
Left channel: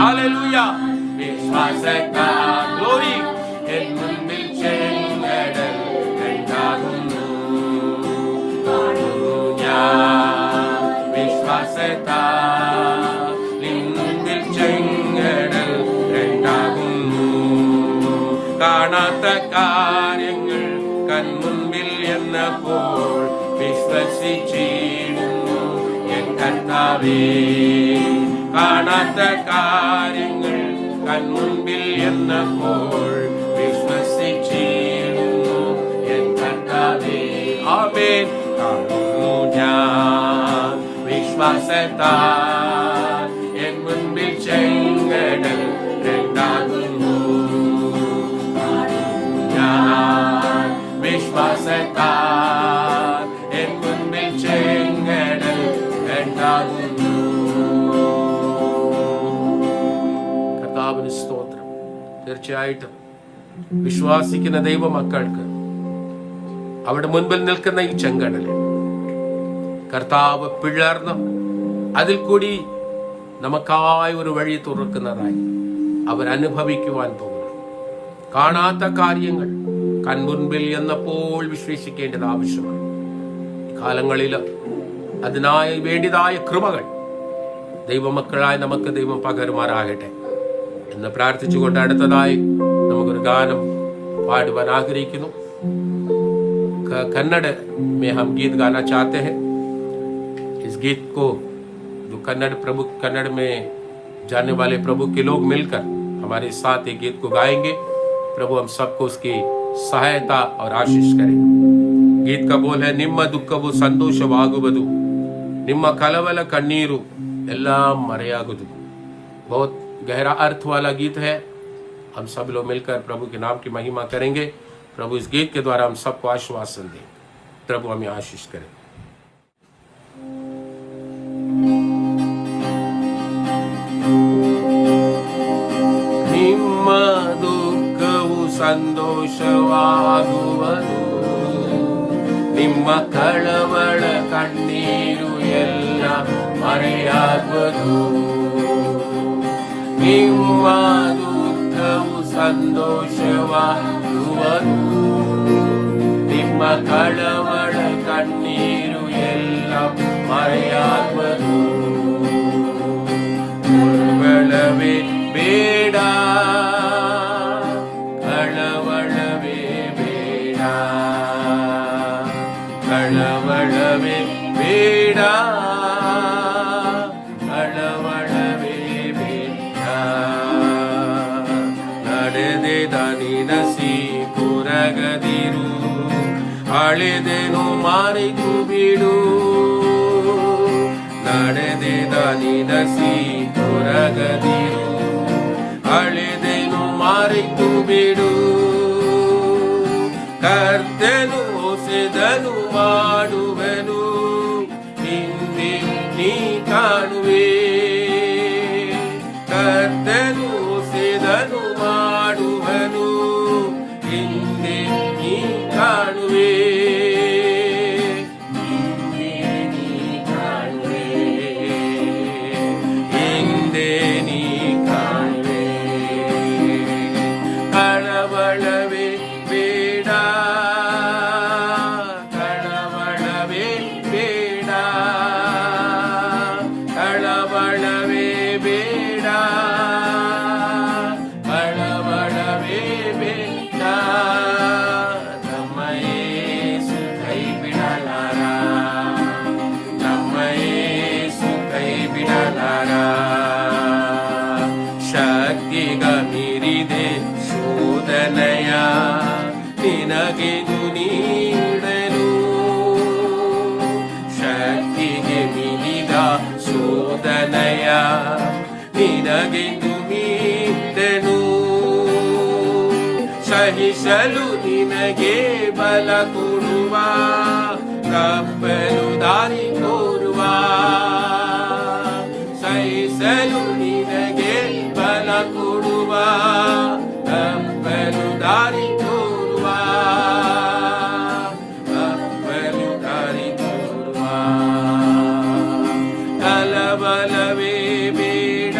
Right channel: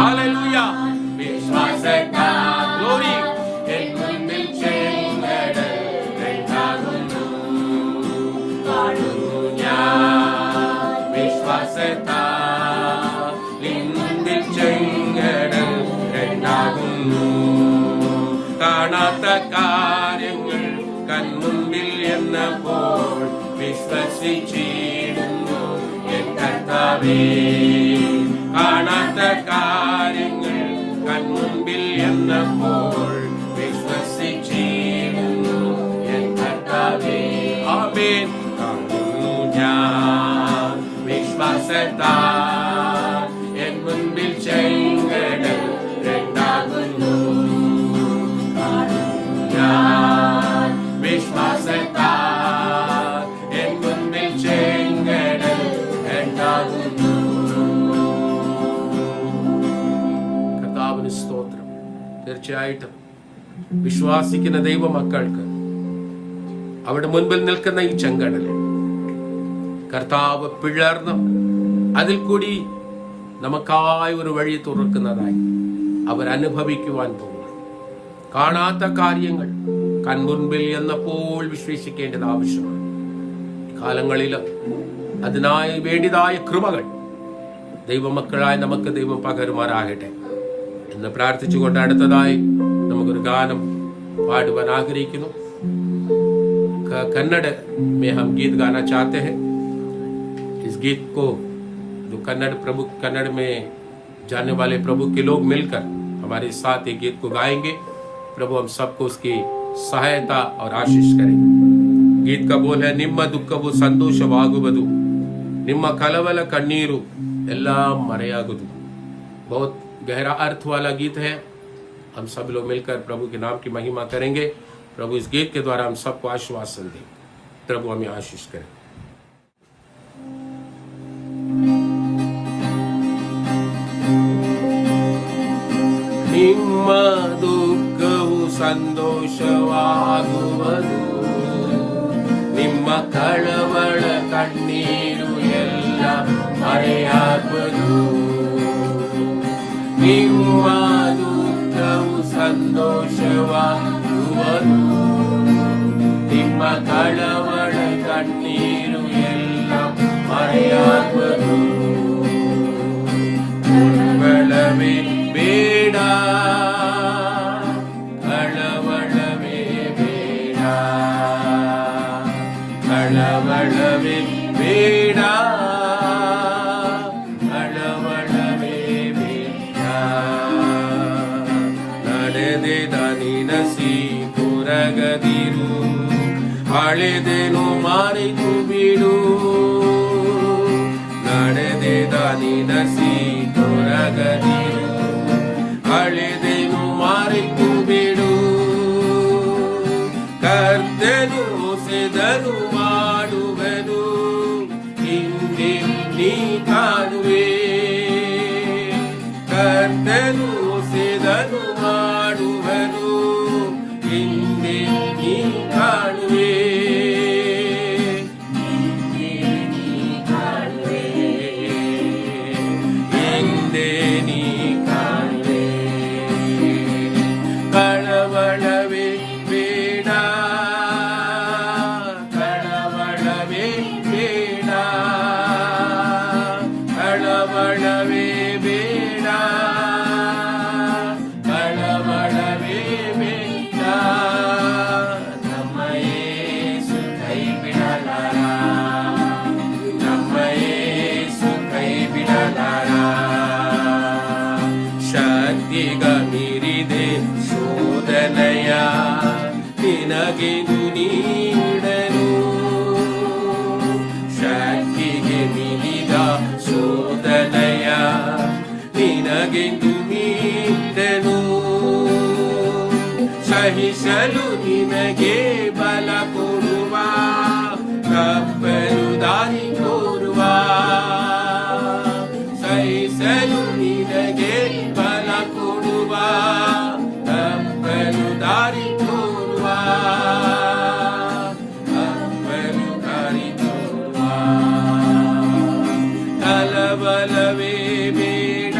ഹല്ലേലൂയ. വിശ്വാസത്താൽ ഗ്ലോറി എൻ മുൻപിൽ ചെങ്കടൽ രണ്ടാകുന്നു. ഞാൻ വിശ്വാസത്താൽ നിൻ മുൻപിൽ ചെങ്കടൽ രണ്ടാകുന്നു. കാണാത്ത കാര്യങ്ങൾ കൺമുൻപിൽ എന്നപ്പോൾ വിശ്വസിച്ചിടുന്നു എൻ കർത്താവേ. കാണാത്ത കാര്യങ്ങൾ കൺമുൻപിൽ എന്നപ്പോൾ വിശ്വസിച്ചിടുന്നു എൻ കർത്താവേ. ആമേൻ. കാണുന്നു ഞാൻ വിശ്വാസത്താൽ എൻ മുൻപിൽ ചെങ്കടൽ രണ്ടാകുന്നു. ഞാൻ വിശ്വാസത്താൽ എൻ മുൻപിൽ ചെങ്കടൽ രണ്ടാകുന്നു. കർത്താവിന് സ്തോത്രം. തീർച്ചയായിട്ടും വിശ്വാസിക്കുന്ന ദൈവമക്കൾക്ക് അവിടെ മുൻപിൽ നിൽക്കുന്ന ഈ ചെങ്കടലിൽ കർത്താവ് പിളർന്ന് അതിൽ കൂടി നമുക്കായി ഒരു വഴി തുറക്കുന്നതായി അവരനുഭവിക്കുവാൻ പോകുന്നു. കാണാത്ത കാര്യങ്ങൾ കൺമുൻപിൽ എന്നപ്പോൾ വിശ്വസിക്കേണ്ടത് ആവശ്യമാണ്. കാലങ്ങളിൽ അതിനായി വേണ്ടിയതായ കൃപകൾ ദൈവമക്കളായി നമുക്ക് ദൈവം പകരുമാറാകട്ടെ എന്ന് പ്രാർത്ഥിച്ചുകൊണ്ട് അടുത്തതായി നമുക്കൊരു ഗാനം പാടുവാൻ ആഗ്രഹിക്കുന്നു. कन्नड़ में हम गीत गाना चाहते हैं. इस गीत को जो कन्नड़ में जाने वाले प्रभु के लोग मिलकर हमारे साथ ये गीत को गाएंगे. प्रभु हम सबको उसकी सहायता और आशीष करें. गीत का बोल है, निम्म दुःखवु संतोषवागुवदु, निम्म कलवल कण्णीरु एल्लाम मरेयागुदु. बहुत गहरा अर्थ वाला गीत है. हम सब लोग मिलकर प्रभु के नाम की महिमा करेंगे. प्रभु इस गीत के द्वारा हम सबको आश्वासन दे. प्रभु हमें आशीष करें. ನಿಮ್ಮ ದುಃಖವು ಸಂತೋಷವಾಗುವುದು, ನಿಮ್ಮ ಕಳವಳ ಕಣ್ಣೀರು ಎಲ್ಲ ಮರೆಯಾಗುವುದು. ನಿಮ್ಮ ದುಃಖವು ಸಂತೋಷವಾಗುವುದು, ನಿಮ್ಮ ಕಳವಳ ಕಣ್ಣೀರು ಎಲ್ಲ ಮರೆಯಾಗುವುದು. ಕಳವಳವೇ ಬೇಡ, ಕಳವಳವೇ ಬೇಡ, ಕಳವಳವೇ ಬೇಡ, ಕಳವಳವೇ ಬೇಡ. ನಡೆದೆದ ನಿನಸಿ ಕೊರಗದಿರು, ಅಳೆದೆನು ಮಾರಿತು ಬಿಡು. ನಡೆದೆದ ನಿನಸಿ ಕೊರಗದಿರು, ಅಳೆದೆನು ಮಾರಿತು ಬಿಡು. ಕರ್ತನು ಹೊಸೆದನು ಮಾಡುವೆನು, ಹಿಂದೆ ನೀ ಕಾಣುವೆ. ಕರ್ತನು ಹೊಸೆದನು ಮಾಡುವೆನು, ಹಿಂದೆ ನೀ ಕಾಣುವೆ. ಹಿಂದೆ ನೀ ಕಾಣುವೆ, ಹಿಂದೆ ನೀ ಕಾಣುವೆ. ಕಳವಳವೇ ಬೇಡ, ಕಳವಳವೇ ಬೇಡ, ಕಳವಳವೇ ಬೇಡ, ಕಳವಳವೇ ಬೇಡ. ನಮ್ಮ ಯೇಸು ಕೈ ಬಿಡಲಾರ, ನಮ್ಮ ಯೇಸು ಕೈ ಬಿಡಲಾರ. ಶಕ್ತಿಗ ಮೀರಿದೆ ಶೋಧನೆಯ ನಿನಗೆದು ನೀಡಲು. ಶಕ್ತಿಗೆ ಮೀರಿದ ಶೋಧನೆಯ ನಿನಗೆಂದು ನೀಡನು. ಸಹಿಸಲು ನಿನಗೆ ಬಲ ಕೊಡುವ, ತಪ್ಪಲು ದಾರಿ ತೋರುವ. ಸಹಿಸಲು ನಿನಗೆ ಬಲ ಕೊಡುವ, ತಪ್ಪಲು ದಾರಿ ತೋರುವ, ತಪ್ಪಲು ದಾರಿ ತೋರುವ. ಕಳವಳವೇ ಬೇಡ,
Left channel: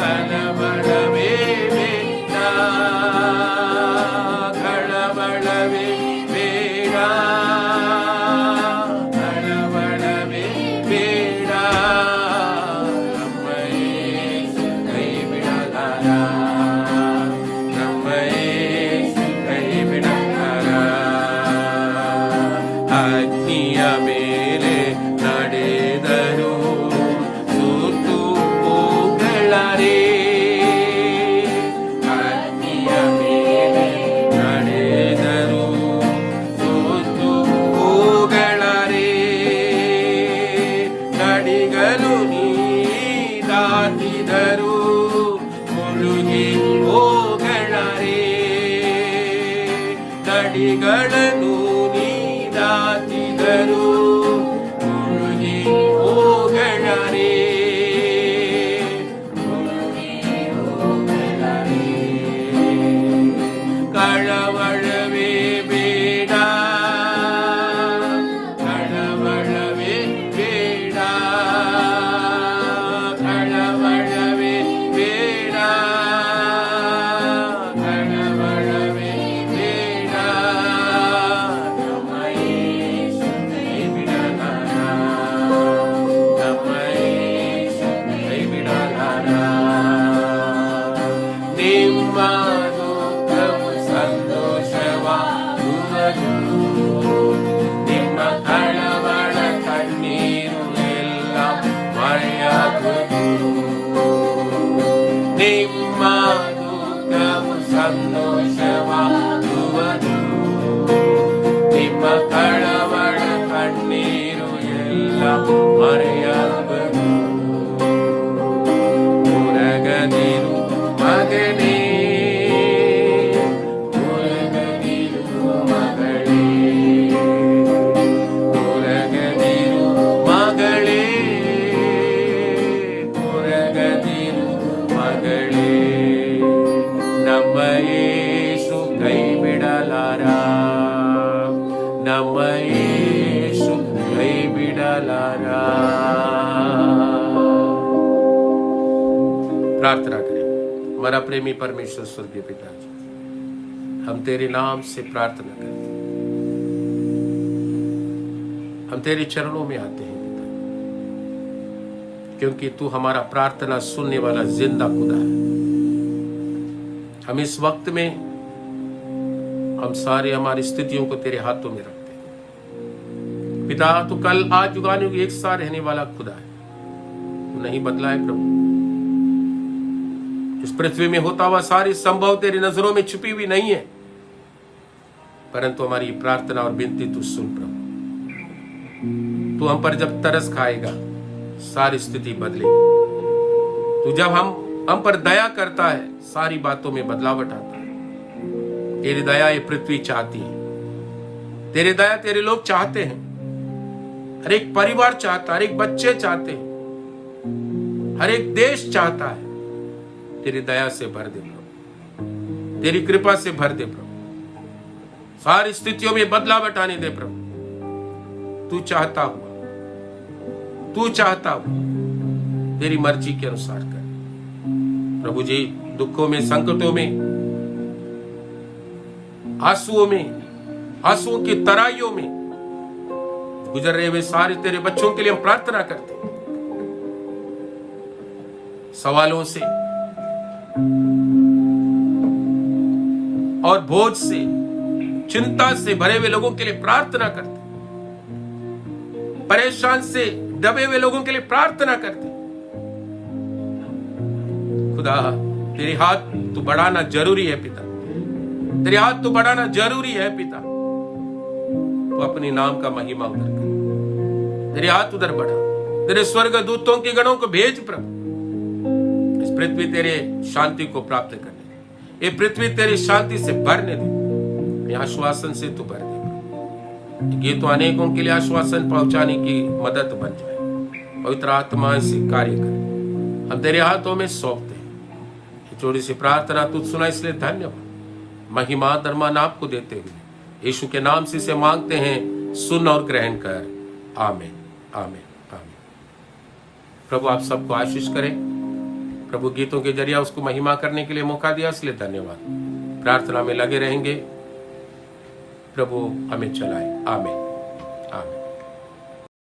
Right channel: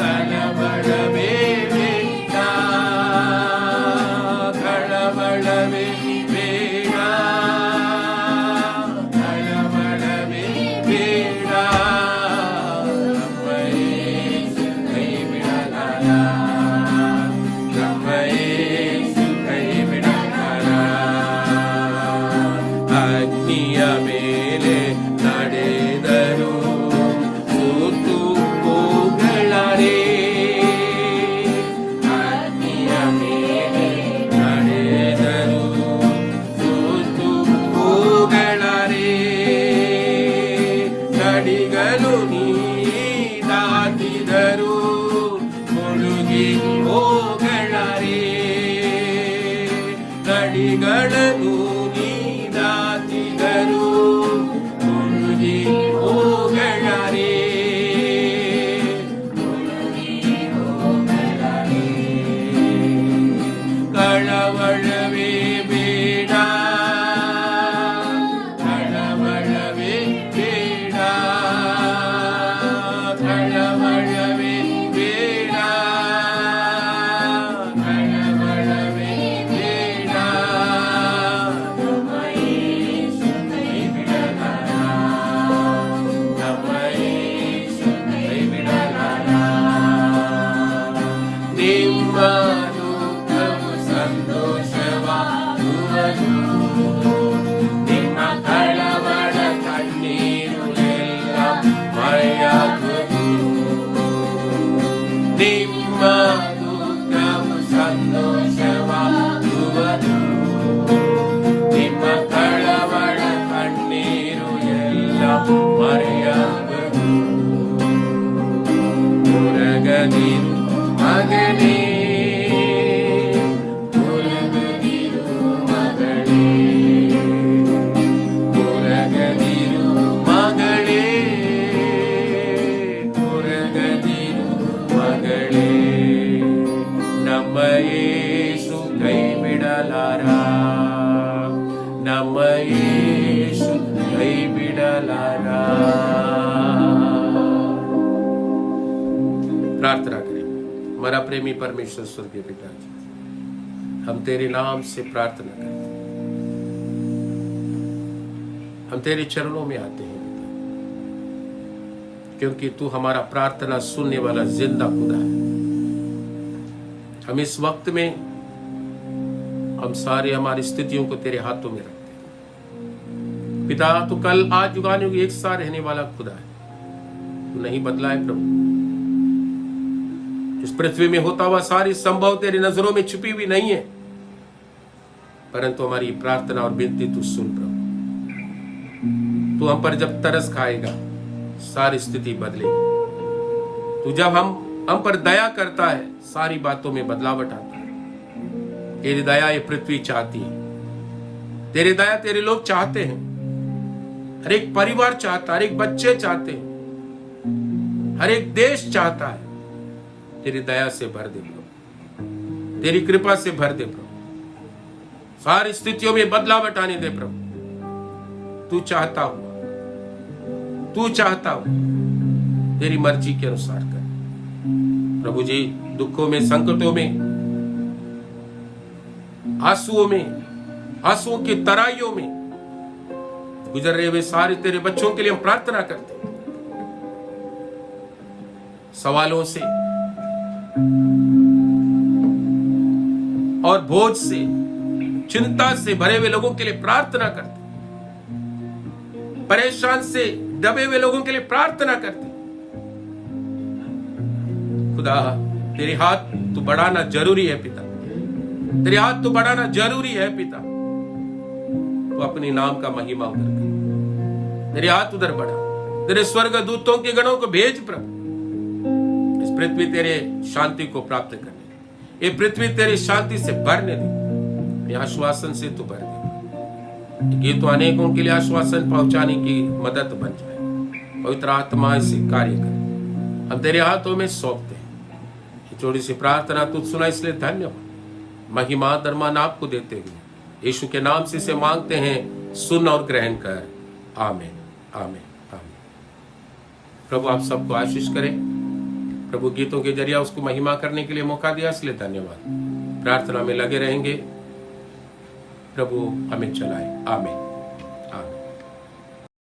ಕಳವಳವೇ ಬೇಡ, ಕಳವಳವೇ ಬೇಡ, ಕಳವಳವೇ ಬೇಡ. ನಮ್ಮ ಯೇಸು ಕೈ ಬಿಡಲಾರ, ನಮ್ಮ ಯೇಸು ಕೈ ಬಿಡಲಾರ. ಅಗ್ನಿಯ ಮೇಲೆ ನಡೆದರು ಸುತ್ತು ಹೋಗಲಾರೆ, ಅಗ್ನಿಯ ಮೇಲೆ ನಡೆದರು ಸುತ್ತು ಹೋಗಲಾರೆ. ನಡಿಗಲು ನೀ ದಾಟಿದರು ಮುಳುಗಿ ಹೋಗಲಾರೆ. ನಡಿಗಳನ್ನು ನೀ ದಾಟಿದರು ಮುಳುಗಿ ಹೋಗಲಾರೆ, ಮುಳುಗಿ ಹೋಗಲಾರೆ. ಕಳವಳವೇ ಬೇಡ, ಕಳವಳವೇ ಬೇಡ, ಕಳವಳವೇ ಬೇಡ, ಕಳವಳವೇ ಬೇಡ. ನಮ್ಮ ಯೇಸು ಕೈ ಬಿಡಲಾರ, ನಮ್ಮ ಯೇಸು ಕೈ ಬಿಡಲಾರ. ನಿಮ್ಮ ದುಃಖವು ಸಂತೋಷವಾಗುವುದು, ನಿಮ್ಮ ಕಳವಳ ಕಣ್ಣೀರು ಎಲ್ಲ ಮರೆಯಾಗುವುದು. ನಿಮ್ಮ ದುಃಖವು ಸಂತೋಷವಾಗುವುದು, ನಿಮ್ಮ ಕಳವಳ ಕಣ್ಣೀರು ಎಲ್ಲ ಮರೆಯಾಗುವುದು. ಕೊರಗದಿರು ಮಗನೇ, ಕೊರಗದಿರು ಮಗಳೇ, ಕೊರಗದಿರು ಮಗಳೇ, ಕೊರಗದಿರು ಮಗಳೇ. ನಮ್ಮ ಯೇಸು ಕೈ ಬಿಡಲಾರ, ನಮ್ಮ ಯೇಸು ಕೈ बिडलारा। प्रार्थना करें। हमारा प्रेमी परमेश्वर स्वर्गीय पिता जी, हम तेरे नाम से प्रार्थना करते हैं, हम तेरे चरणों में आते हैं पिता। क्योंकि तू हमारा प्रार्थना सुनने वाला जिंदा खुदा है। हम इस वक्त में हम सारे हमारी स्थितियों को तेरे हाथों में रखते हैं पिता। तू कल आज युगानुयुग एक साथ रहने वाला खुदा है, तू नहीं बदला है प्रभु। इस पृथ्वी में होता हुआ सारी संभव तेरी नजरों में छुपी हुई नहीं है, परंतु हमारी प्रार्थना और विनती तू सुन प्रभु। तू हम पर जब तरस खाएगा सारी स्थिति बदलेगी। तू जब हम पर दया करता है सारी बातों में बदलावट आता है। तेरी दया ये पृथ्वी चाहती है, तेरी दया तेरे लोग चाहते हैं, हर एक परिवार चाहता है, हर एक बच्चे चाहते हैं, हर एक देश चाहता है। तेरी दया से भर दे प्रभु, तेरी कृपा से भर दे प्रभु, सारी स्थितियों में बदलावट आने दे प्रभु। तू चाहता हुआ तेरी मर्जी के अनुसार कर प्रभु जी। दुखों में, संकटों में, आंसुओं की तराइयों में गुजर रहे हुए सारे तेरे बच्चों के लिए हम प्रार्थना करते हैं। सवालों से और बोझ से, चिंता से भरे हुए लोगों के लिए प्रार्थना करते हैं। परेशान से दबे हुए लोगों के लिए प्रार्थना करते हैं। खुदा तेरे हाथ तू बढ़ाना जरूरी है पिता, तेरे हाथ तू बढ़ाना जरूरी है पिता। तू अपने नाम का महिमा उधर कर, तेरे हाथ उधर बढ़ा, तेरे स्वर्ग दूतों के गणों को भेज प्रभु। इस पृथ्वी तेरे शांति को प्राप्त करने, ये पृथ्वी तेरी शांति से भरने दे, आश्वासन से तू भर दे। ये तो अनेकों के लिए आश्वासन पहुंचाने की मदद बन जाए। पवित्र आत्मा इसे कार्य कर, हम तेरे हाथों में सौंपते हैं। छोटी सी प्रार्थना तुझ सुना, इसलिए धन्यवाद। महिमा दरमान आपको देते हुए यीशु के नाम से इसे मांगते हैं, सुन और ग्रहण कर। आमीन, आमीन, आमीन। प्रभु आप सबको आशीष करें। प्रभु गीतों के जरिए उसको महिमा करने के लिए मौका दिया, इसलिए धन्यवाद। प्रार्थना में लगे रहेंगे, प्रभु हमें चलाए। आमीन, आमीन।